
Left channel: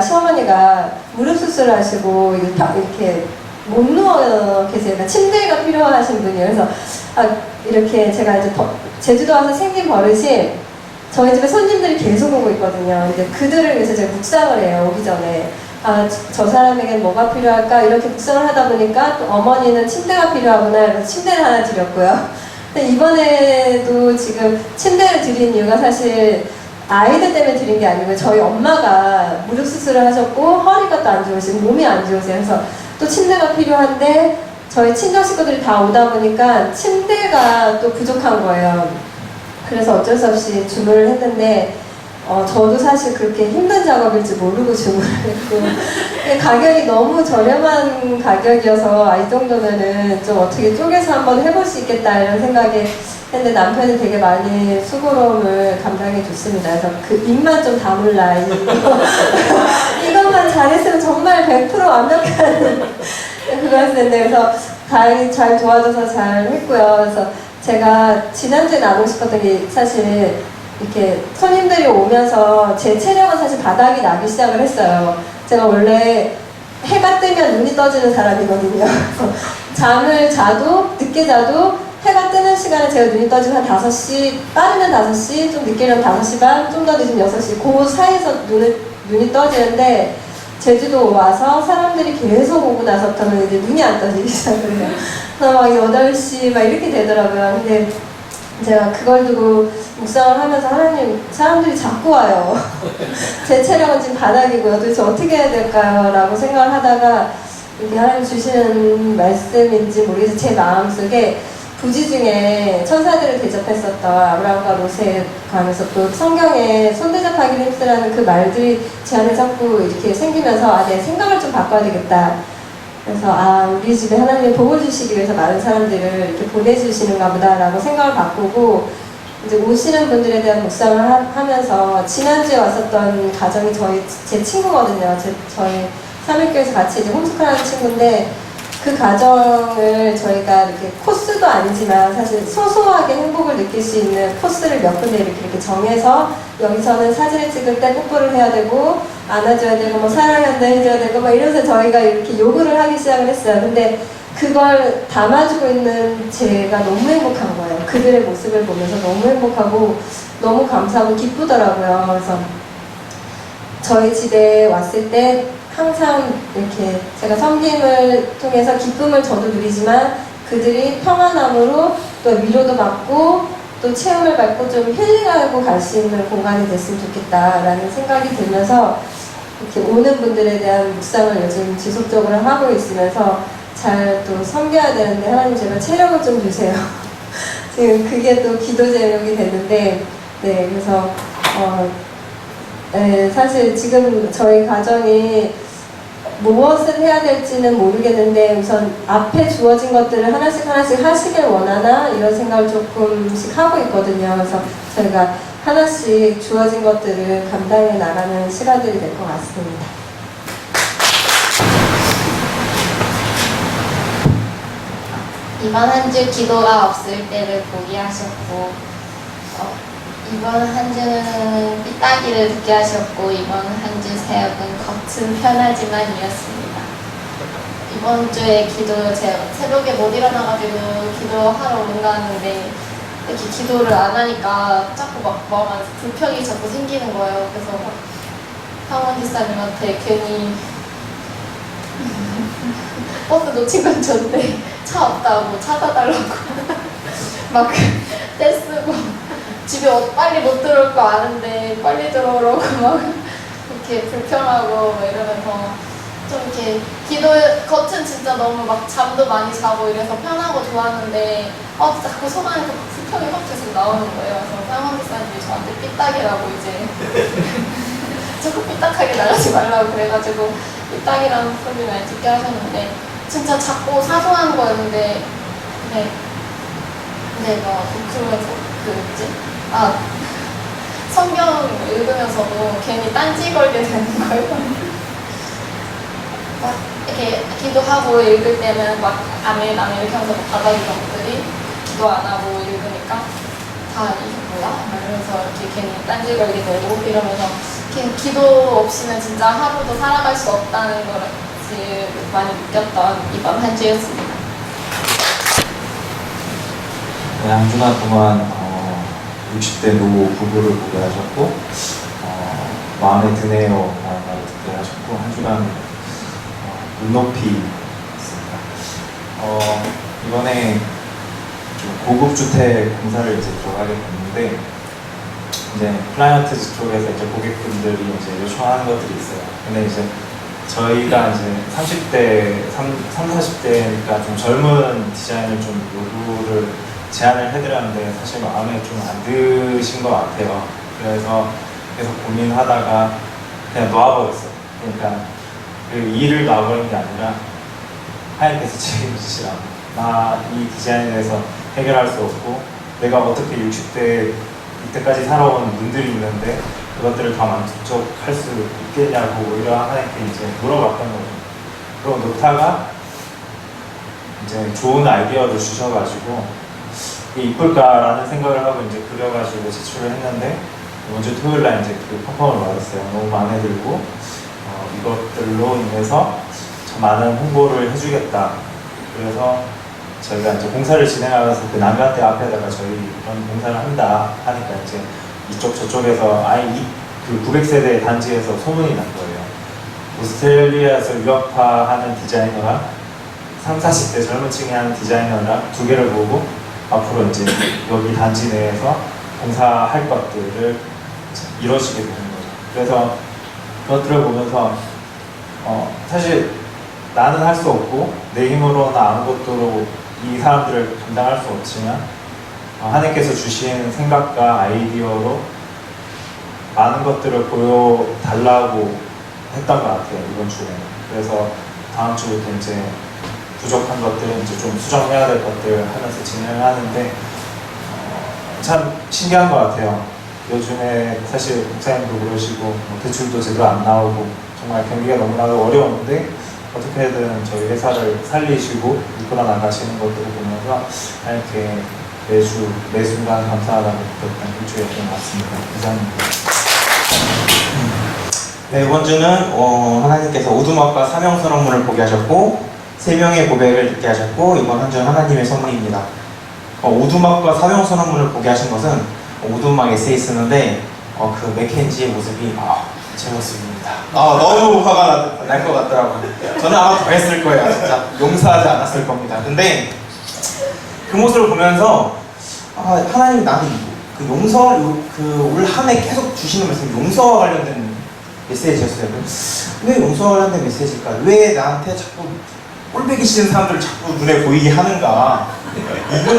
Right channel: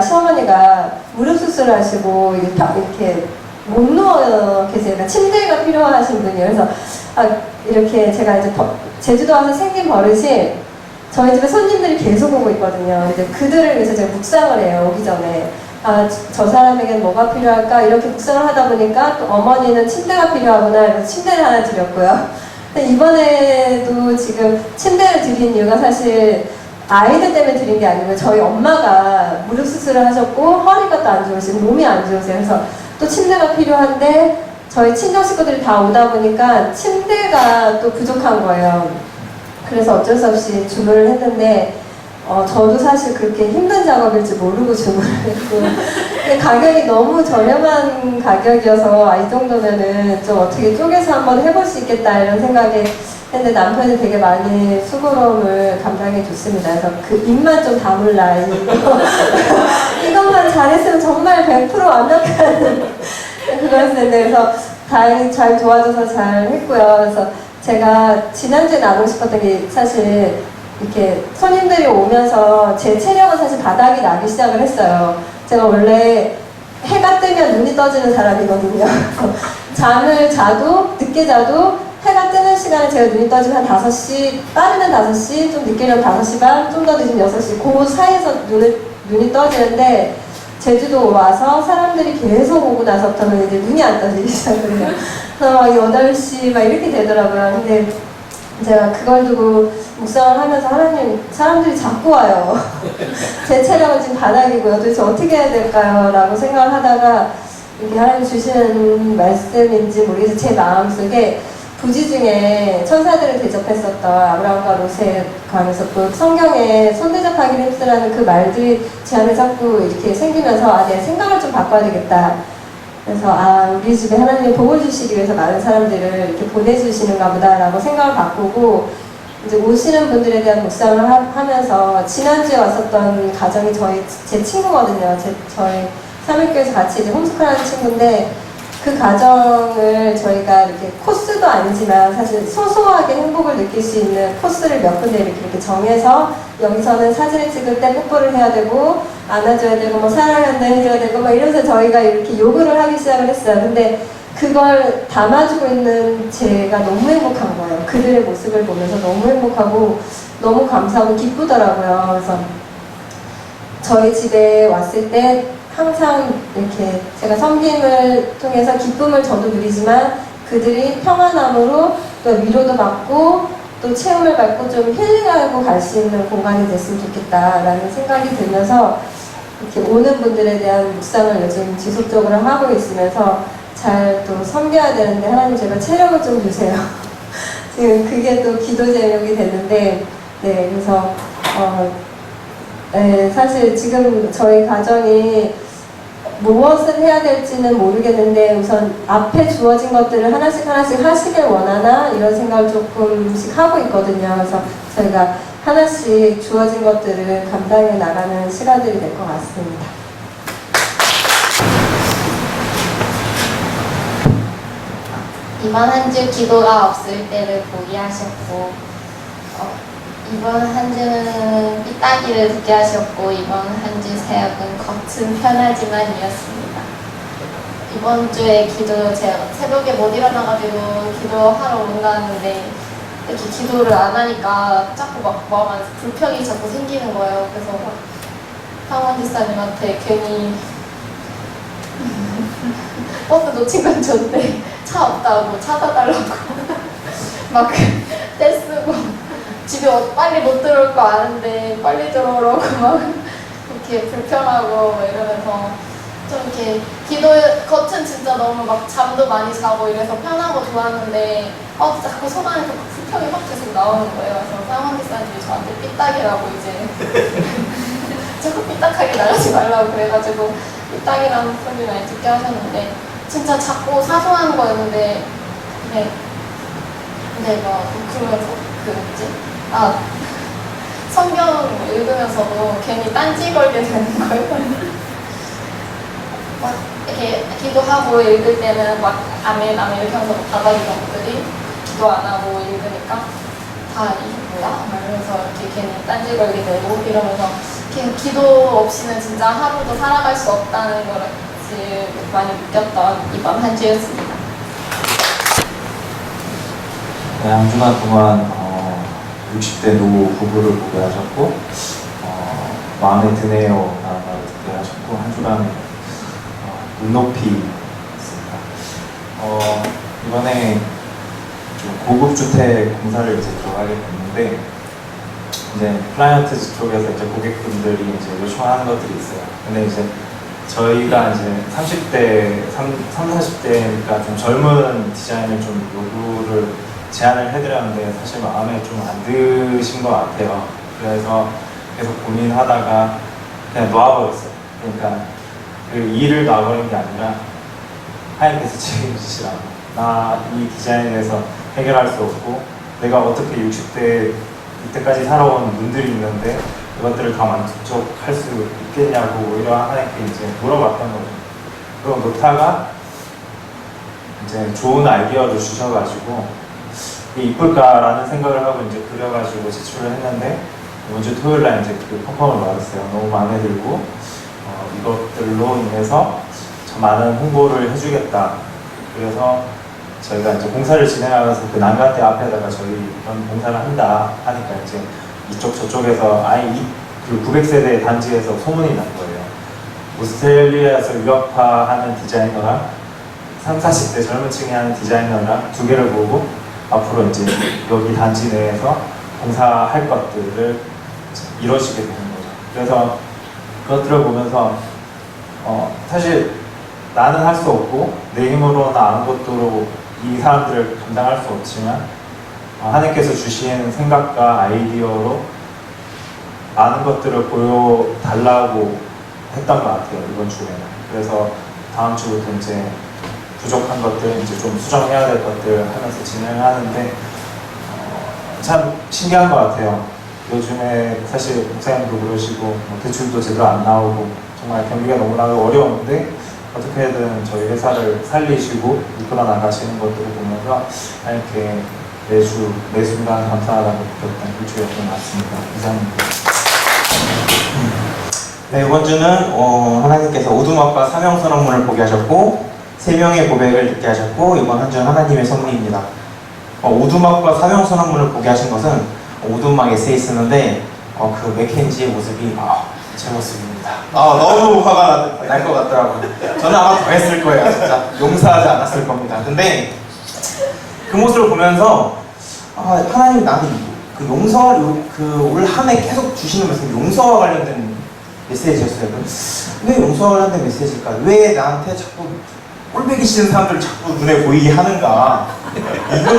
시어머니가 무릎 수술을 하시고 이렇게 못 누워 계세요. 그러니까 침대가 필요하신 분이에요. 그래서 이렇게 제가 이제 제주도 와서 생긴 버릇이 저희 집에 손님들이 계속 오고 있거든요. 이제 그들을 위해서 제가 묵상을 해요. 오기 전에. 저 사람에겐 뭐가 필요할까? 이렇게 묵상을 하다 보니까 또 어머니는 침대가 필요하구나. 그래서 침대를 하나 드렸고요. 근데 이번에도 지금 침대를 드린 이유가 사실 아이들 때문에 드린 게 아니고 저희 엄마가 무릎 수술을 하셨고 허리가 또 안 좋으시고 몸이 안 좋으세요. 그래서 또 침대가 필요한데 저희 친정 식구들이 다 오다 보니까 침대가 또 부족한 거예요. 그래서 어쩔 수 없이 주문을 했는데 저도 사실 그렇게 힘든 작업일지 모르고 주문을 했고 근데 가격이 너무 저렴한 가격이어서 이 정도면은 좀 어떻게 쪼개서 한번 해볼 수 있겠다 이런 생각에 했는데 남편이 되게 많이 수고로움을 감당해 줬습니다. 그래서 그 입만 좀 다물라 이것만 잘했으면 정말 100% 완벽한 그거였는데 그래서 다행히 잘 도와줘서 잘 했고요. 그래서 제가 지난주에 나누고 싶었던 게 사실 이렇게 손님들이 오면서 제 체력은 사실 바닥이 나기 시작을 했어요. 제가 원래 해가 뜨면 눈이 떠지는 사람이거든요. 잠을 자도 늦게 자도 해가 뜨는 시간에 제가 눈이 떠지면 한 5시, 빠르면 5시, 좀 늦게는 5시 반, 좀 더 늦으면 6시 그 사이에서 눈이 떠지는데 제주도 와서 사람들이 계속 오고 나서부터는 이제 눈이 안 떠지기 시작을 해요. 그래서 막 8시 막 이렇게 되더라고요. 근데 제가 그걸 두고 묵상을 하면서 하나님, 사람들이 자꾸 와요. 제 체력은 지금 바닥이고요. 도대체 어떻게 해야 될까요? 라고 생각을 하다가 이게 하나님 주시는 말씀인지 모르겠어요. 제 마음속에 부지 중에 천사들을 대접했었던 아브라함과 롯에 가면서 또 성경에 손대접하기를 힘쓰라는 그 말들이 제 안에 자꾸 이렇게 생기면서 내 생각을 좀 바꿔야 되겠다. 그래서 우리 집에 하나님이 복을 주시기 위해서 많은 사람들을 이렇게 보내주시는가 보다라고 생각을 바꾸고 이제 오시는 분들에 대한 묵상을 하면서 지난주에 왔었던 가정이 제 친구거든요. 저희 삼일교에서 같이 이제 홈스쿨하는 친구인데 그 가정을 저희가 이렇게 코스도 아니지만 사실 소소하게 행복을 느낄 수 있는 코스를 몇 군데 이렇게 정해서 여기서는 사진을 찍을 때 뽀뽀를 해야 되고 안아줘야 되고 뭐 사랑한다 해줘야 되고 막 이러면서 저희가 이렇게 요구를 하기 시작을 했어요. 근데 그걸 담아주고 있는 제가 너무 행복한 거예요. 그들의 모습을 보면서 너무 행복하고 너무 감사하고 기쁘더라고요. 그래서 저희 집에 왔을 때 항상 이렇게 제가 섬김을 통해서 기쁨을 저도 누리지만 그들이 평안함으로 또 위로도 받고 또 체험을 받고 좀 힐링하고 갈 수 있는 공간이 됐으면 좋겠다라는 생각이 들면서 이렇게 오는 분들에 대한 묵상을 요즘 지속적으로 하고 있으면서 잘 또 섬겨야 되는데 하나님 제발 체력을 좀 주세요. 지금 그게 또 기도 제목이 됐는데 네 그래서 네, 사실 지금 저희 가정이 무엇을 해야 될지는 모르겠는데 우선 앞에 주어진 것들을 하나씩 하시길 원하나 이런 생각을 조금씩 하고 있거든요. 그래서 저희가 하나씩 주어진 것들을 감당해 나가는 시간들이 될 것 같습니다. 이번 한 주 기도가 없을 때를 보게 하셨고 이번 한 주는 삐딱이를 듣게 하셨고 이번 한 주 사역은 겉은 편하지만이었습니다. 이번 주에 제가 새벽에 못 일어나가지고 기도하러 온다 하는데 이렇게 기도를 안 하니까 자꾸 막 마음에 불평이 자꾸 생기는 거예요. 그래서 막 황원 지사님한테 괜히 버스 놓친 건 좋은데 차 없다고 찾아달라고 막 떼쓰고 집에 빨리 못 들어올 거 아는데 빨리 들어오라고 막 이렇게 불편하고 이러면서 좀 이렇게 기도 겉은 진짜 너무 막 잠도 많이 자고 이래서 편하고 좋았는데 자꾸 손 안에서 막 수평이 확 계속 나오는 거예요. 그래서 사모님 사님이 저한테 삐딱이라고 이제 자꾸 삐딱하게 나가지 말라고 그래가지고 삐딱이라는 소리를 많이 듣게 하셨는데 진짜 작고 사소한 거였는데 근데 막 그러면서 그 뭐지? 성경 읽으면서도 괜히 딴지 걸게 되는 거예요. 막 이렇게 기도하고 읽을 때는 막 아멘 이렇게 하면서 바닥 이런 것들이 기도 안 하고 읽으니까 다 이게 뭐야? 이러면서 이렇게 괜히 딴지 걸게 되고 이러면서 기도 없이는 진짜 하루도 살아갈 수 없다는 걸 많이 느꼈던 이번 한 주였습니다. 네, 한 주간 동안 60대 노 부부를 보게 하셨고 마음에 드네요 라는 말을 듣게 하셨고 한 주간 눈높이 있습니다. 이번에 좀 고급 주택 공사를 이제 들어가게 됐는데 이제 클라이언트 쪽에서 이제 고객분들이 이제 요청하는 것들이 있어요. 근데 이제 저희가 이제 30대, 40대니까 좀 젊은 디자인을 좀 요구를 제안을 해드렸는데 사실 마음에 좀 안 드신 것 같아요. 그래서 계속 고민하다가 그냥 놓아버렸어요. 그러니까 그 일을 놔버린 게 아니라 하나님께서 책임지시라고. 나 이 디자인에 대해서 해결할 수 없고 내가 어떻게 60대 이때까지 살아온 분들이 있는데 그것들을 다 만족할 수 있겠냐고 오히려 하나님께 이제 물어봤던 거죠. 그리고 놓다가 이제 좋은 아이디어를 주셔가지고 이게 이쁠까라는 생각을 하고 이제 그려가지고 제출을 했는데 이번 주 토요일 날 이제 그 펑펑을 받았어요. 너무 마음에 들고 이것들로 인해서 참 많은 홍보를 해주겠다. 그래서 저희가 이제 공사를 진행하면서 그 난간대 앞에다가 저희 이런 공사를 한다 하니까 이제 이쪽 저쪽에서 아예 그 900세대 단지에서 소문이 난 거예요. 오스트레일리아에서 유학파하는 디자이너랑 30, 40대 젊은 층이 하는 디자이너랑 두 개를 보고 앞으로 이제 여기 단지 내에서 공사할 것들을 이루어지게 되는 거죠. 그래서 그것들을 보면서 사실 나는 할 수 없고 내 힘으로는 아무것도 이 사람들을 감당할 수 없지만 하나님께서 주신 생각과 아이디어로 많은 것들을 보여달라고 했던 것 같아요, 이번 주에는. 그래서 다음 주부터 이제 부족한 것들, 이제 좀 수정해야 될 것들 하면서 진행을 하는데 참 신기한 것 같아요. 요즘에 사실 목사님도 그러시고 대출도 제대로 안 나오고 정말 경기가 너무나도 어려운데 어떻게든 저희 회사를 살리시고 이끌어 나가시는 것들을 보면서 이렇게 매주 매 순간 감사하다고 느꼈던 일주였던 것 같습니다. 감사합니다. 네, 이번 주는 하나님께서 오두막과 사명선언문을 보게 하셨고 3명의 고백을 듣게 하셨고 이번 한 주는 하나님의 선물입니다. 오두막과 사명선언문을 보게 하신 것은 오두막 에세이 쓰는데 그 맥켄지의 모습이 제 모습입니다. 너무 화가 날 것 같더라고요. 저는 아마 더 했을 거예요. 진짜 용서하지 않았을 겁니다. 근데 그 모습을 보면서 하나님이 나한테 그 용서, 올 한 해 계속 주시는 말씀이 용서와 관련된 메시지였어요. 왜 용서와 관련된 메시지일까? 왜 나한테 자꾸 꼴배기 싫은 사람들을 자꾸 눈에 보이게 하는가? 이거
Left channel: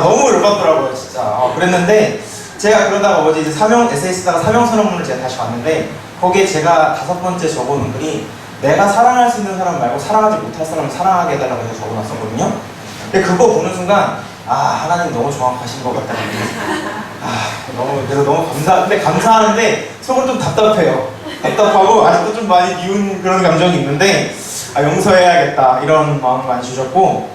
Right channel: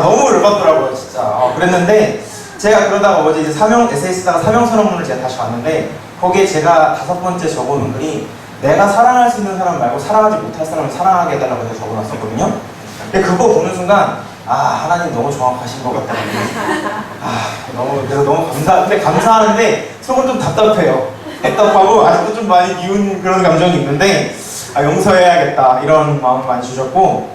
너무 열받더라고요, 진짜. 그랬는데 제가 그러다가 어제 이제 에세이 쓰다가 사명선언문을 제가 다시 봤는데 거기에 제가 5번째 적어놓은 글이 내가 사랑할 수 있는 사람 말고 사랑하지 못할 사람을 사랑하게 해달라고 해서 적어놨었거든요. 근데 그거 보는 순간 하나님 너무 정확하신 것 같다. 그래서 너무 근데 감사하는데 속은 좀 답답해요. 답답하고 아직도 좀 많이 미운 그런 감정이 있는데 용서해야겠다 이런 마음을 많이 주셨고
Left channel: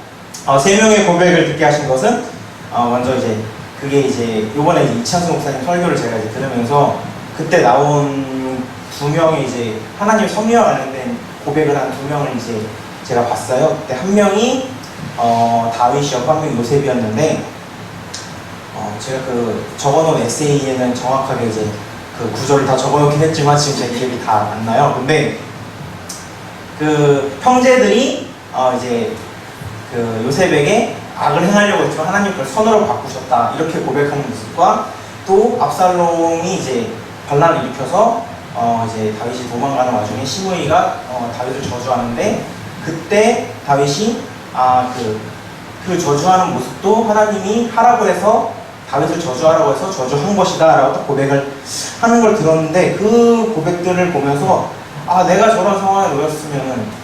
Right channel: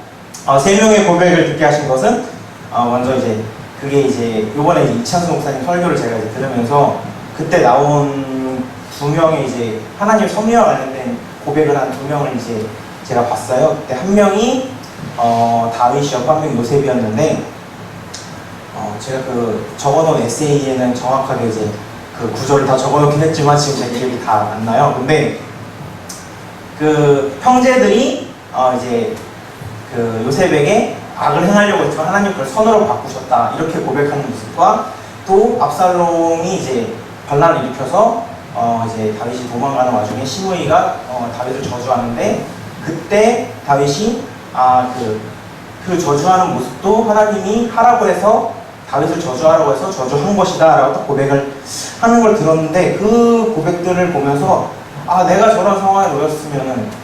3명의 고백을 듣게 하신 것은 먼저 이제 그게 이제 요번에 이창수 목사님 설교를 제가 이제 들으면서 그때 나온 2명의 이제 하나님 섭리와 관련된 고백을 한 2명을 이제 제가 봤어요. 그때 한 명이 다윗이었고 한 명이 요셉이었는데 제가 그 적어놓은 에세이에는 정확하게 이제 그 구절을 다 적어놓긴 했지만 지금 제 기억이 다 안 나요. 근데 그 형제들이 이제 그 요셉에게 악을 행하려고 했지만 하나님 그걸 선으로 바꾸셨다 이렇게 고백하는 모습과 또 압살롬이 이제 반란을 일으켜서 이제 다윗이 도망가는 와중에 시므이가 다윗을 저주하는데 그때 다윗이 그 저주하는 모습도 하나님이 하라고 해서 다윗을 저주하라고 해서 저주한 것이다 라고 딱 고백을 하는 걸 들었는데 그 고백들을 보면서 내가 저런 상황에 놓였으면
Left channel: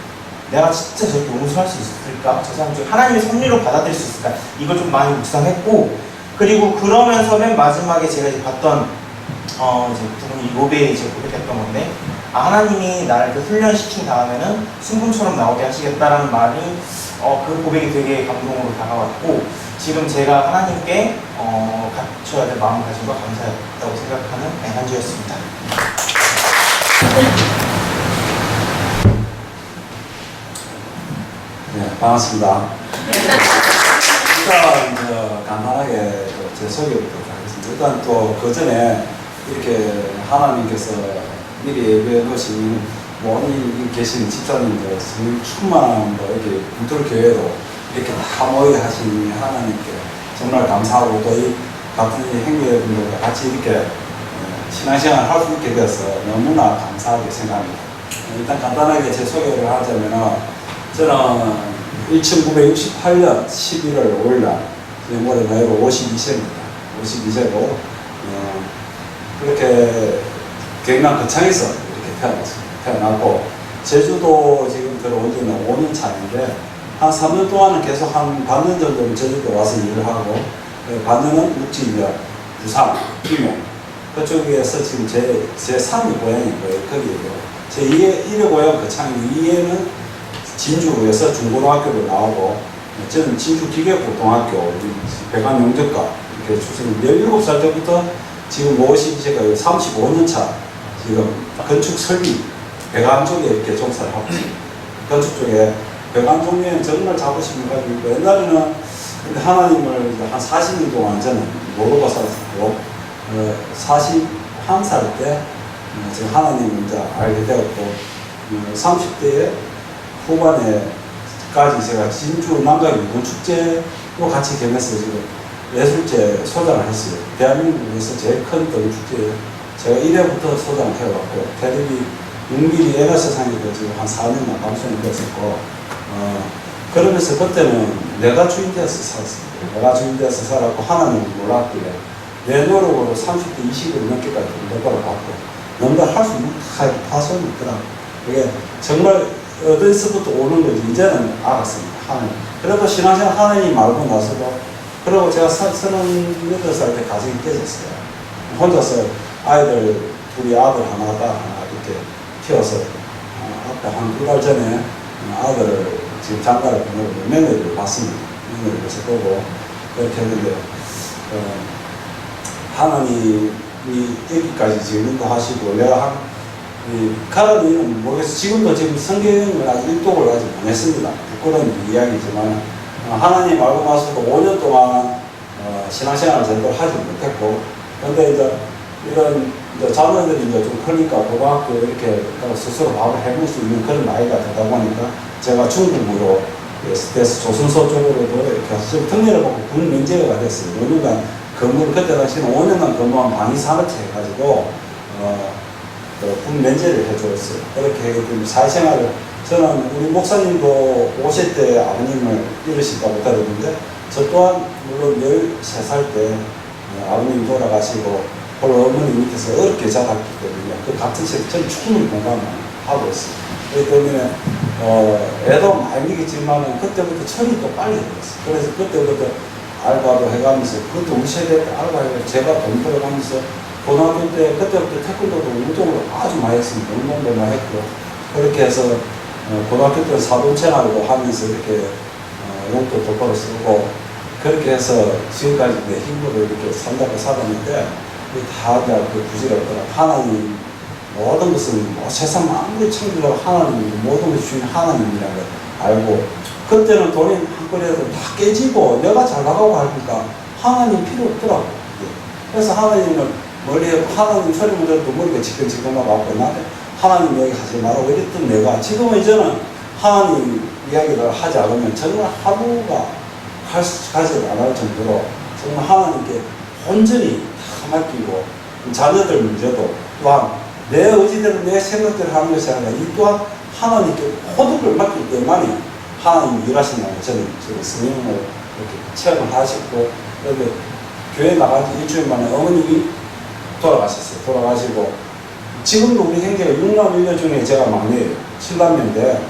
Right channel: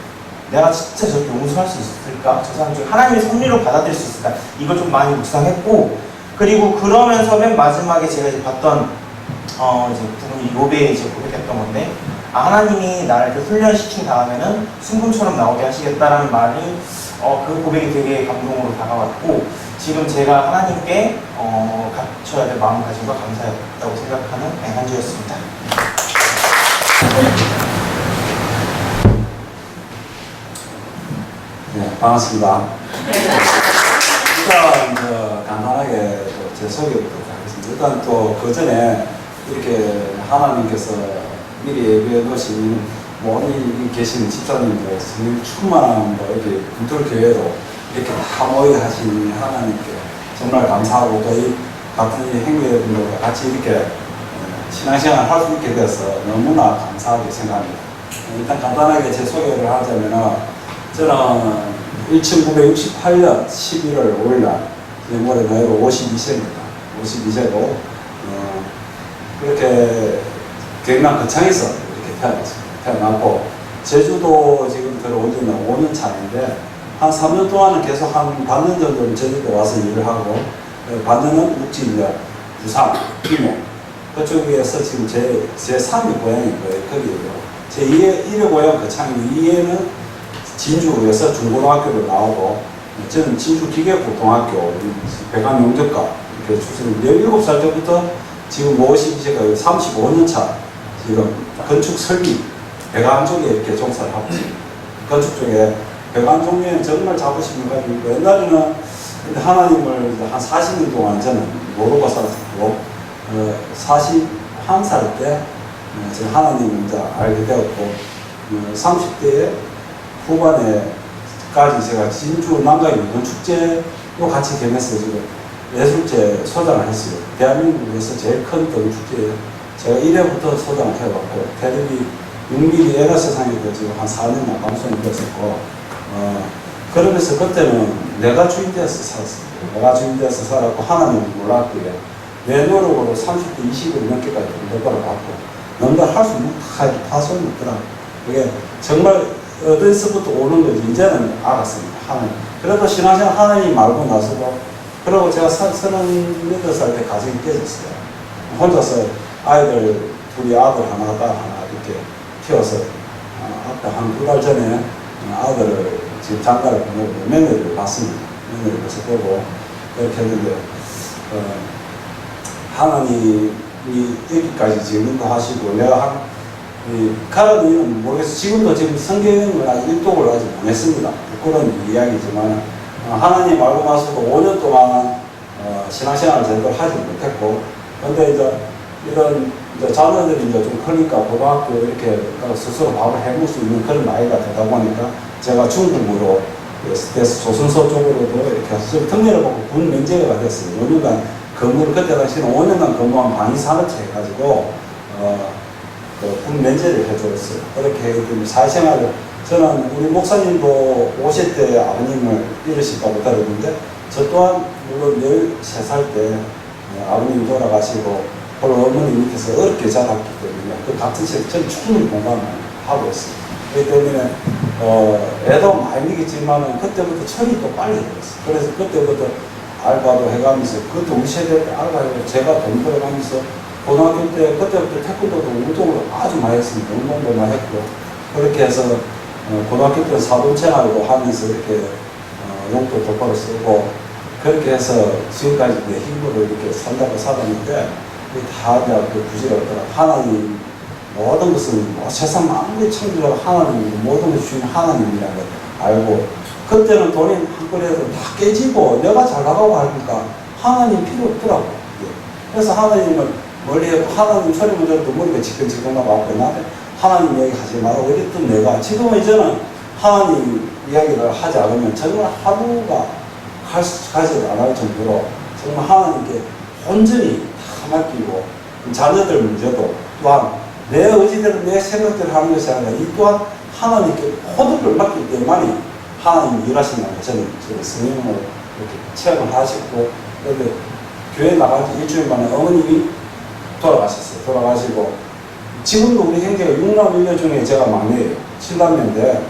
내가 진짜 저렇게 용서할 수 있을까? 저 사람 중에 하나님의 섭리로 받아들일 수 있을까? 이걸 좀 많이 묵상했고 그리고 그러면서 맨 마지막에 제가 이제 봤던 이제 두 분이 욥에 이제 고백했던 건데 하나님이 나를 그 훈련시킨 다음에는 순금처럼 나오게 하시겠다라는 말이 그 고백이 되게 감동으로 다가왔고 지금 제가 하나님께 갖춰야 될 마음가짐과 감사했다고 생각하는 한 주였습니다. 네, 반갑습니다. 일단 간단하게 제 소개부터 하겠습니다. 일단 또 그 전에 이렇게 하나님께서 미리 예배해 놓으신 모든 계신 집사님들 충만한 이렇게 분들교회로 이렇게 다 모이게 하신 하나님께 정말 감사하고 또 이 같은 행위분들과 같이 이렇게 신앙생활 할 수 있게 돼서 너무나 감사하게 생각합니다. 일단 간단하게 제 소개를 하자면은 저는 1968년 11월 5일날 올해 나이로 52세입니다. 52세고 그렇게 경남 거창에서 이렇게 태어났고 제주도 지금 들어온 지는 5년 차인데 한 3년 동안은 계속 한 반년 정도는 제주도 와서 일을 하고 반년은 묵지면 부산, 김해 그쪽에서 지금 제 3위 고향인 거예요. 거기에요. 제 1위 고향 거창이 2위에는 진주에서 중고등학교를 나오고 저는 진주기계고등학교 백안용접과 이렇게 출신 17살 때부터 지금 52세가 35년 차 지금 건축 설비 배관 쪽에 이렇게 종사를 하고 있습니다. 건축 쪽에 배관 종류에는 정말 자부심을 가지고 옛날에는 근데 하나님을 한 40년 동안 저는 모르고 살았고 41살 때 제가 하나님을 이제 알게 되었고 30대에 후반에까지 제가 진주 남가의 문축제로 같이 겸해서 지금 예술제 소장을 했어요. 대한민국에서 제일 큰 등축제예요. 제가 1회부터 소장을 해왔고 테레비 6mm 애가 세상에 지금 한 4년만 방송이 됐었고 그러면서 그때는 내가 주인 되어서 살았습니다. 내가 주인 되어서 살았고 하나님을 몰랐기에 내 노력으로 30대 20을 넘게까지 노력을 받고 뭔가 할 수 있는 파손이 있더라고요. 그게 정말 어디서부터 오는 거지 이제는 알았습니다. 하나님. 그래도 신앙생활 하나님 알고 나서도 그리고 제가 38살 때 가정이 깨졌어요. 혼자서 아이들 둘이 아들 하나 딸 하나 이렇게 키워서 앞에 한 2달 전에 아들을 지금 장가를 보내고 며느리를 봤습니다. 며느리를 벌써 보고 그렇게 했는데 하나님이 여기까지 지금 인도하시고 내가 가라는 이유는 모르겠어요. 지금도 지금 성경을 아직 일독을 아직 안 했습니다. 그런 이야기지만 하나님 알고 나서도 5년 동안 신앙생활을 제대로 하지 못했고 근데 이제 이런 이제 자녀들이 이제 좀 크니까 고등학교 이렇게 스스로 밥을 해볼 수 있는 그런 나이가 되다 보니까 제가 중국으로 돼서 조선소 쪽으로도 이렇게 좀 특례를 받고 군 면제가 됐어요. 5년간 근무를 그때 당시에는 5년간 근무한 방위산업체 해가지고 군 면제를 해줬어요. 그렇게 사회생활을 저는 우리 목사님도 50대 아버님을 잃으셨다고 들었는데 저 또한 물론 13살 때 아버님 돌아가시고 홀로 어머니 밑에서 어렵게 자랐기 때문에 그 같은 시에 저는 충분히 공감을 하고 있어요. 그렇기 때문에 애도 많이 느꼈지만 그때부터 철이 또 빨리 들었어요. 그래서 그때부터 알바도 해가면서 그것도 우리 세대 때 알바해서 제가 돈 벌어가면서 고등학교 때 그때부터 태권도도 운동을 아주 많이 했습니다. 운동도 많이 했고 그렇게 해서 고등학교 때 사돈생활도 하면서 이렇게 용돈도 벌어 쓰고 그렇게 해서 지금까지 내 힘으로 이렇게 산다고 살았는데 다 그 부지가 없더라. 하나님 모든 것은 세상 아무리 창조가 하나님 모든 것이 주인 하나님이라는 걸 알고 그때는 돈이 한 거리에서 다 깨지고 내가 잘 나가고 하니까 하나님 필요 없더라고. 그래서 하나님을 멀리 하나님 소리만 들어도 머리가 지끈지끈하고 아프고 나한테 하나님 얘기 하지 말라고 이랬던 내가 지금은 이제는 하나님 이야기를 하지 않으면 정말 하루가 가지 않을 정도로 정말 하나님께 온전히 다 맡기고 자녀들 문제도 또한 내 의지대로 내 생각대로 하는 것이 아니라 이 또한 하나님께 호흡을 맡길 때만이 하나님이 일하신다는 걸 저는 성령을 이렇게 체험을 하시고, 그런데 교회 나간 지 일주일 만에 어머님이 돌아가셨어요. 돌아가시고 지금도 우리 형제가 6남 1녀 중에 제가 막내예요. 7남매인데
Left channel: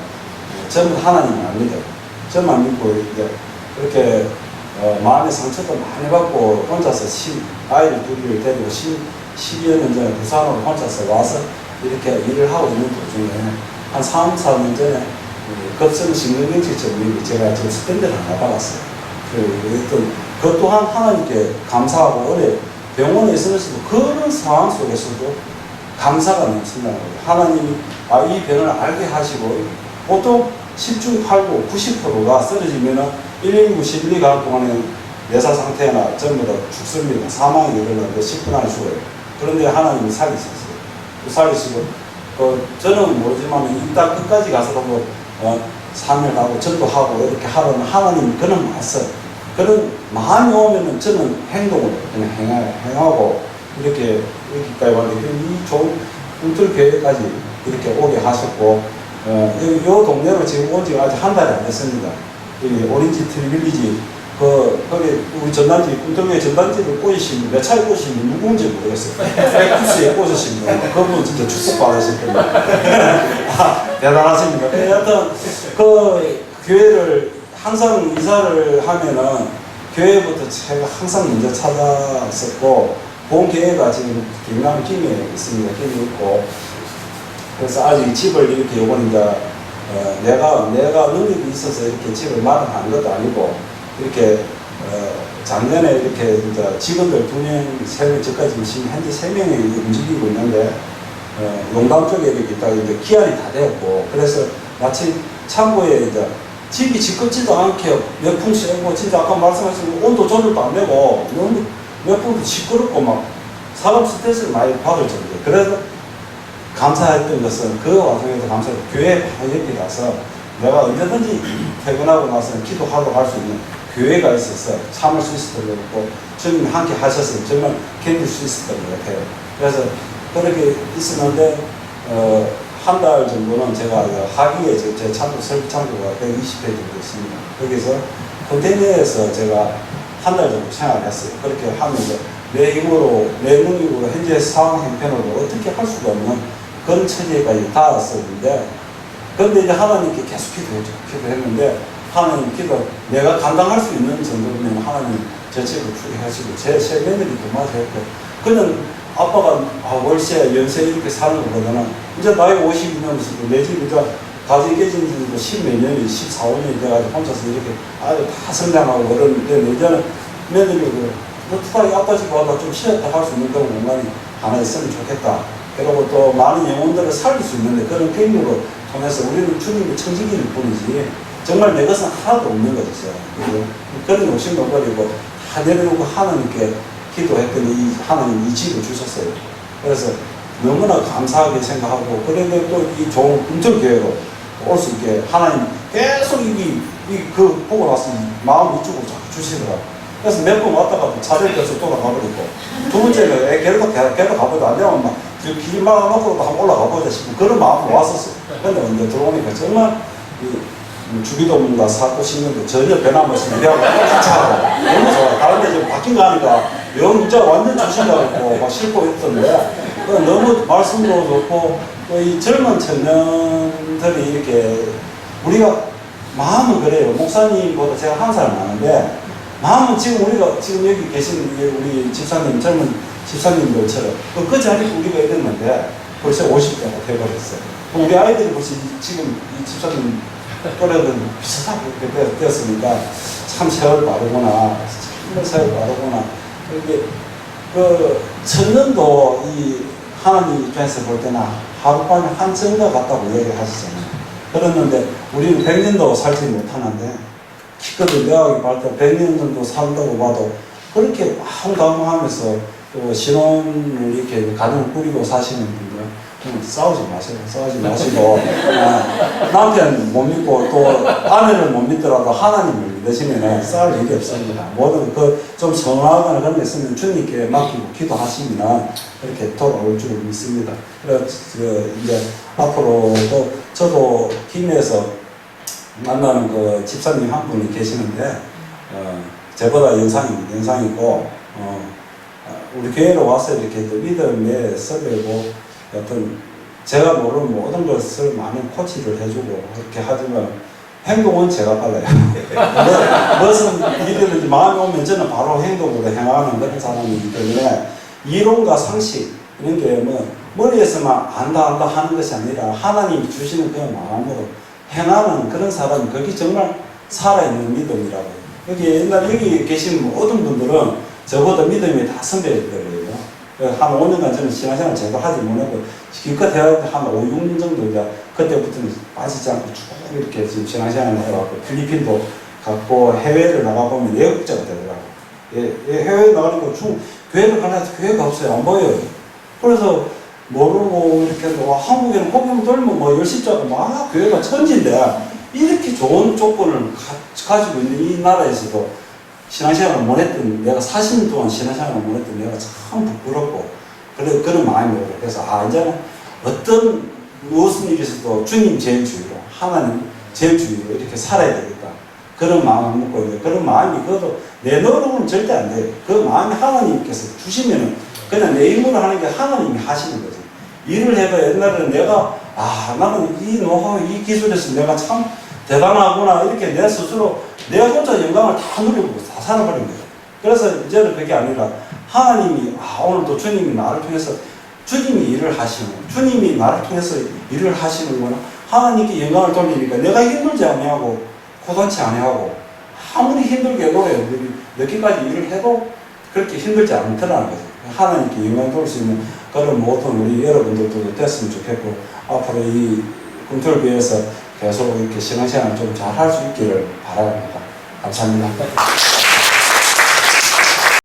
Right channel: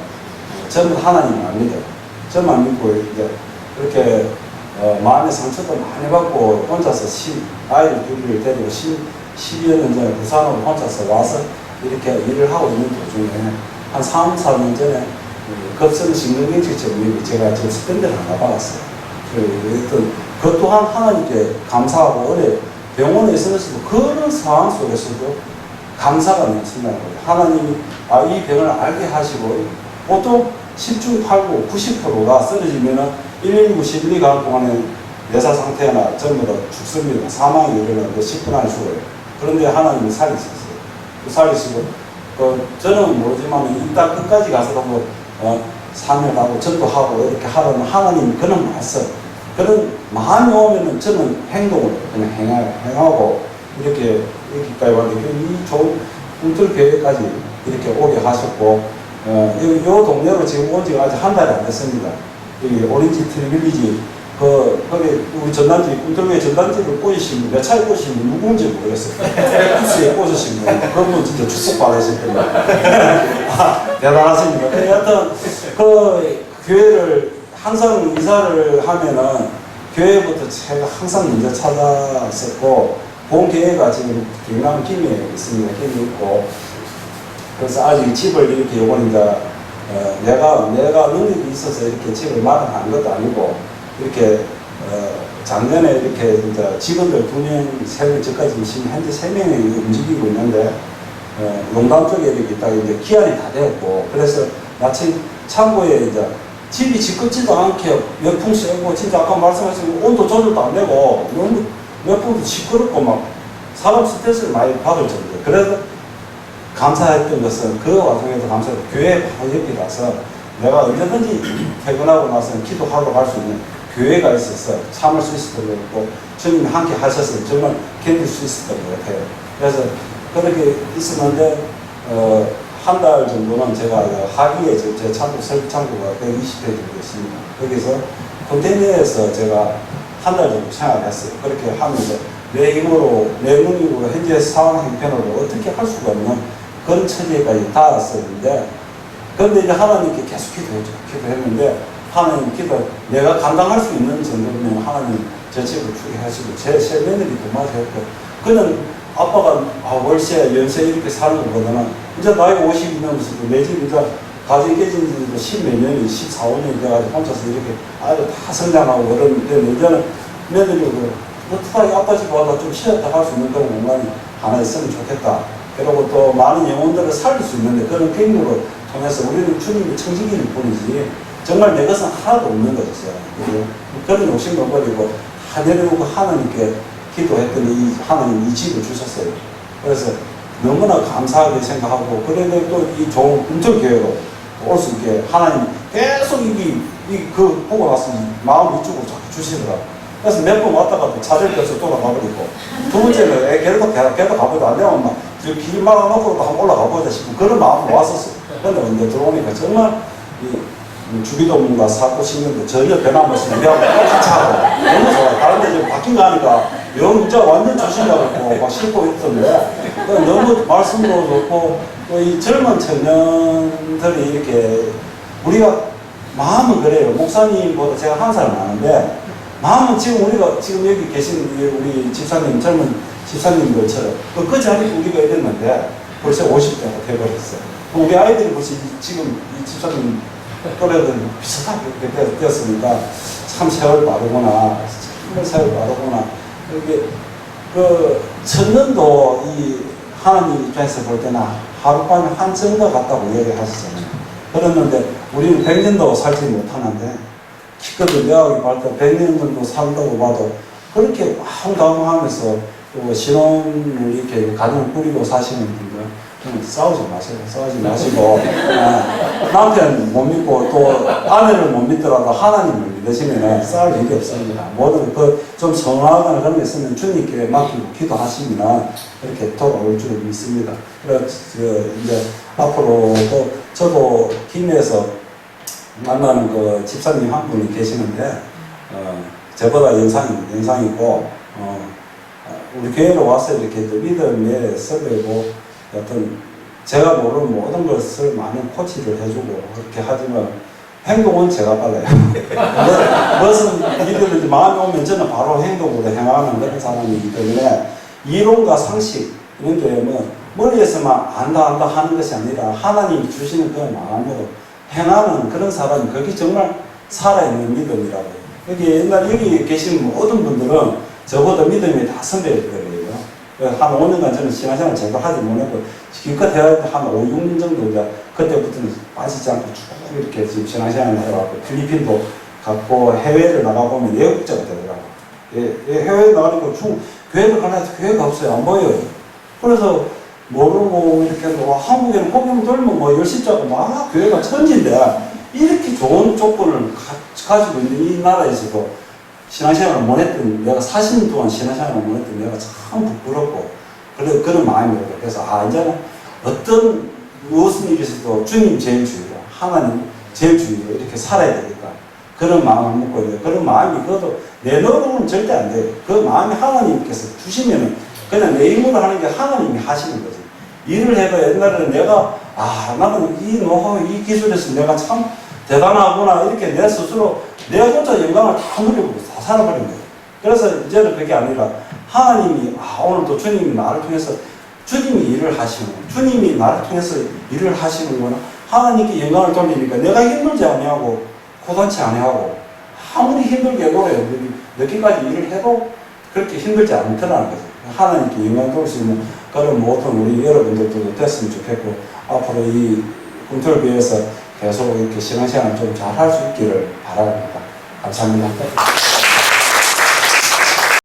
전부 하나님을 안 믿어요. 저만 믿고 이제 그렇게 마음의 상처도 많이 받고 혼자서 아이를 둘을 데리고 12여 년 전에 부산으로 혼자서 와서 이렇게 일을 하고 있는 도중에 한 3, 4년 전에 급성 심근경색증 제가 지금 스탠드를 하나 받았어요. 그 또한 하나님께 감사하고 어제 병원에 있으면서도 그런 상황 속에서도 감사가 넘친다는 거예요. 하나님이 이 병을 알게 하시고, 보통 10중 8구 90%가 쓰러지면은 119, 112가 동안에 내사 상태나 전부 다 죽습니다. 사망이 일어나는데 10분 안에 죽어요. 그런데 하나님이 살리셨어요. 살리시고, 저는 모르지만 이따 끝까지 가서도 뭐, 사명하고 전도하고 이렇게 하라는 하나님 그런 말씀, 그런 마음이 오면은 저는 행동을 그냥 행하고 이렇게 여기까지 왔는데, 이 좋은 꿈틀교회까지 이렇게 오게 하셨고, 이 동네로 지금 온 지가 아직 한 달이 안 됐습니다. 여기 오렌지 트리빌리지, 거기 우리 전단지, 꿈틀교회 전단지를 꽂으신, 몇 차례 꽂으신 분 누군지 모르겠어요. 백두스에 꽂으신 분, 그분 진짜 축복받으실 겁니다. 대단하십니다. 여하튼, 교회를 항상 이사를 하면은 교회부터 제가 항상 먼저 찾았었고, 본교회가 지금 경남 김해에 있습니다. 김해에 있고, 그래서 아직 집을 이렇게 요번 이제 내가 능력이 있어서 이렇게 집을 마련한 것도 아니고, 이렇게 작년에 이렇게 이제 직원들 2명, 3명, 저까지 지금 현재 3명이 움직이고 있는데, 용담 쪽에 이렇게 있다가 이제 기한이 다 되었고, 그래서 마침 창고에 이제 집이 지껍지도 않게 몇풍 쐬고, 진짜 아까 말씀하신 온도 조절도 안 되고, 몇 분도 시끄럽고 막 사람 스트레스를 많이 받을 정도. 그래서 감사했던 것은 그 와중에도 감사해요. 교회 바로 옆에 가서 내가 언제든지 퇴근하고 나서는 기도하러 갈 수 있는 교회가 있어서 참을 수 있었던 것 같고, 주님이 함께 하셔서 정말 견딜 수 있었던 것 같아요. 그래서 그렇게 있었는데, 한 달 정도는 제가 하기에 제 창고, 설비 창고가 120회 정도 있습니다. 거기서 컨테이너에서 제가 한 달 정도 생활을 했어요. 그렇게 하면서 내 힘으로, 내 능력으로 현재 상황 형편으로 어떻게 할 수가 없는 그런 처지에까지 닿았었는데, 그런데 이제 하나님께 계속 기도했는데, 하나님 내가 감당할 수 있는 정도면 하나님 제 집을 주의하시고, 제 며느리도 맞았고, 그냥 아빠가 월세, 연세 이렇게 사는 것보다는 이제 나이 50이 넘어서도 내 집 이제 가정이 깨진 지도 10몇 년이, 14, 15년이 돼가지고 혼자서 이렇게 아이들 다 성장하고 그러는데, 이제는 며느리도 어떡하게 아빠 집 와서 좀 쉬었다 할 수 있는 그런 공간이 하나 있으면 좋겠다. 그리고 또 많은 영혼들을 살릴 수 있는데, 그런 경로를 통해서 우리는 주님의 청지기일 뿐이지 정말 내 것은 하나도 없는 거죠. 그런 욕심도 버리고 다 내려놓고 하나님께 기도했더니 하나님 이 집을 주셨어요. 그래서 너무나 감사하게 생각하고, 그런데 또 이 좋은 꿈틀교회로 올 수 있게 하나님 계속 그 보고 나서 마음 이쪽으로 자꾸 주시더라고요. 그래서 몇 번 왔다가 차를 껴서 돌아가버리고, 두 번째는 계속 가보자. 안 되면 막 길 막아놓고도 한번 올라가보자 싶고 그런 마음으로 왔었어요. 그런데 언제 들어오니까 정말 주기도문과 사고 신경도 전혀 변함없이 우리하고 똑같이 하고 너무 좋아요. 다른 데 지금 바뀐 거 하니까 진짜 완전 주신다고 막 싫고 했던데, 너무 말씀도 좋고, 또 이 젊은 청년들이 이렇게, 우리가 마음은 그래요. 목사님보다 제가 한 살 많은데, 마음은 지금 우리가 지금 여기 계신 우리 집사님, 젊은 집사님들처럼 그 자리에 우리가 이랬는데 벌써 50대가 돼버렸어요. 우리 아이들이 벌써 지금 이 집사님 또래들은 비슷하게 되었으니까 참 세월 빠르구나, 정말 세월 빠르구나. 이렇게 천년도 이 하나님 입장에서 볼 때는 하룻밤에 한 정도 같다고 얘기하시잖아요. 그랬는데 우리는 100년도 살지 못하는데, 기껏 대학이 발달 100년 정도 산다고 봐도 그렇게 황당하면서 또 신혼을 이렇게 가정을 꾸리고 사시는 분들, 싸우지 마세요. 싸우지 마시고, 남편 못 믿고 또 아내를 못 믿더라도 하나님을 믿으시면 싸울 일이 없습니다. 모든 좀 성화하거나 그런 게 있으면 주님께 맡기고 기도하시면 이렇게 돌아올 줄 믿습니다. 그래서 이제 앞으로도 저도 팀에서 만나는 그 집사님 한 분이 계시는데 저보다 연상이고 우리 교회로 와서 이렇게 또 믿음에 설레고 어떤 제가 모르는 모든 것을 많은 코치를 해주고 그렇게 하지만 행동은 제가 빨라요. 무슨 일이든지 마음이 오면 저는 바로 행동으로 행하는 그런 사람이기 때문에 이론과 상식 이런 게 뭐 머리에서만 안다 하는 것이 아니라 하나님이 주시는 그 마음으로 행하는 그런 사람이 그게 정말 살아있는 믿음이라고. 여기 계신 모든 분들은 저보다 믿음이 다 선배들이에요. 한 5년간 저는 신앙생활 제가 하지 못하고 기껏 해야 한 5, 6년 정도 이제 그때부터는 빠지지 않고 쭉 이렇게 지금 신앙생활을 해갖고 필리핀도 갔고 해외를 나가보면 예국자가 되더라고요. 해외에 나가니까 교회를 가나 해서 교회가 없어요. 안 보여요. 그래서 모르고 이렇게 한국에는 복음 돌면 뭐 열십자가 막 교회가 천지인데 이렇게 좋은 조건을 가지고 있는 이 나라에서도 신앙생활을 못했던 내가 40년 동안 신앙생활을 못했던 내가 참 부끄럽고 그런 마음이 들어요. 그래서 이제는 어떤 무슨 일이 있어도 주님 제일 주의로 하나님 제일 주의로 이렇게 살아야 되겠다. 그런 마음을 먹고 있는데 그런 마음이 그것도 내 노력은 절대 안 돼요. 그 마음이 하나님께서 주시면은 그냥 내 힘으로 하는 게 하나님이 하시는 거죠. 일을 해도 옛날에는 내가 나는 이 노하우 이 기술에서 내가 참 대단하구나 이렇게 내 스스로 내 혼자 영광을 다 누리고 다 살아버린 거예요. 그래서 이제는 그게 아니라 하나님이 오늘도 주님이 나를 통해서 주님이 일을 하시는 거예요. 주님이 나를 통해서 일을 하시는 거는 하나님께 영광을 돌리니까 내가 힘들지 아니하고 고단치 아니하고 아무리 힘들게 해도 늦게까지 일을 해도 그렇게 힘들지 않더라는 거죠. 하나님께 영광을 돌릴 수 있는 그런 모든 우리 여러분들도 됐으면 좋겠고 앞으로 이 꿈틀교회에서 계속 이렇게 신앙생활 좀 잘 할 수 있기를 바랍니다. 감사합니다.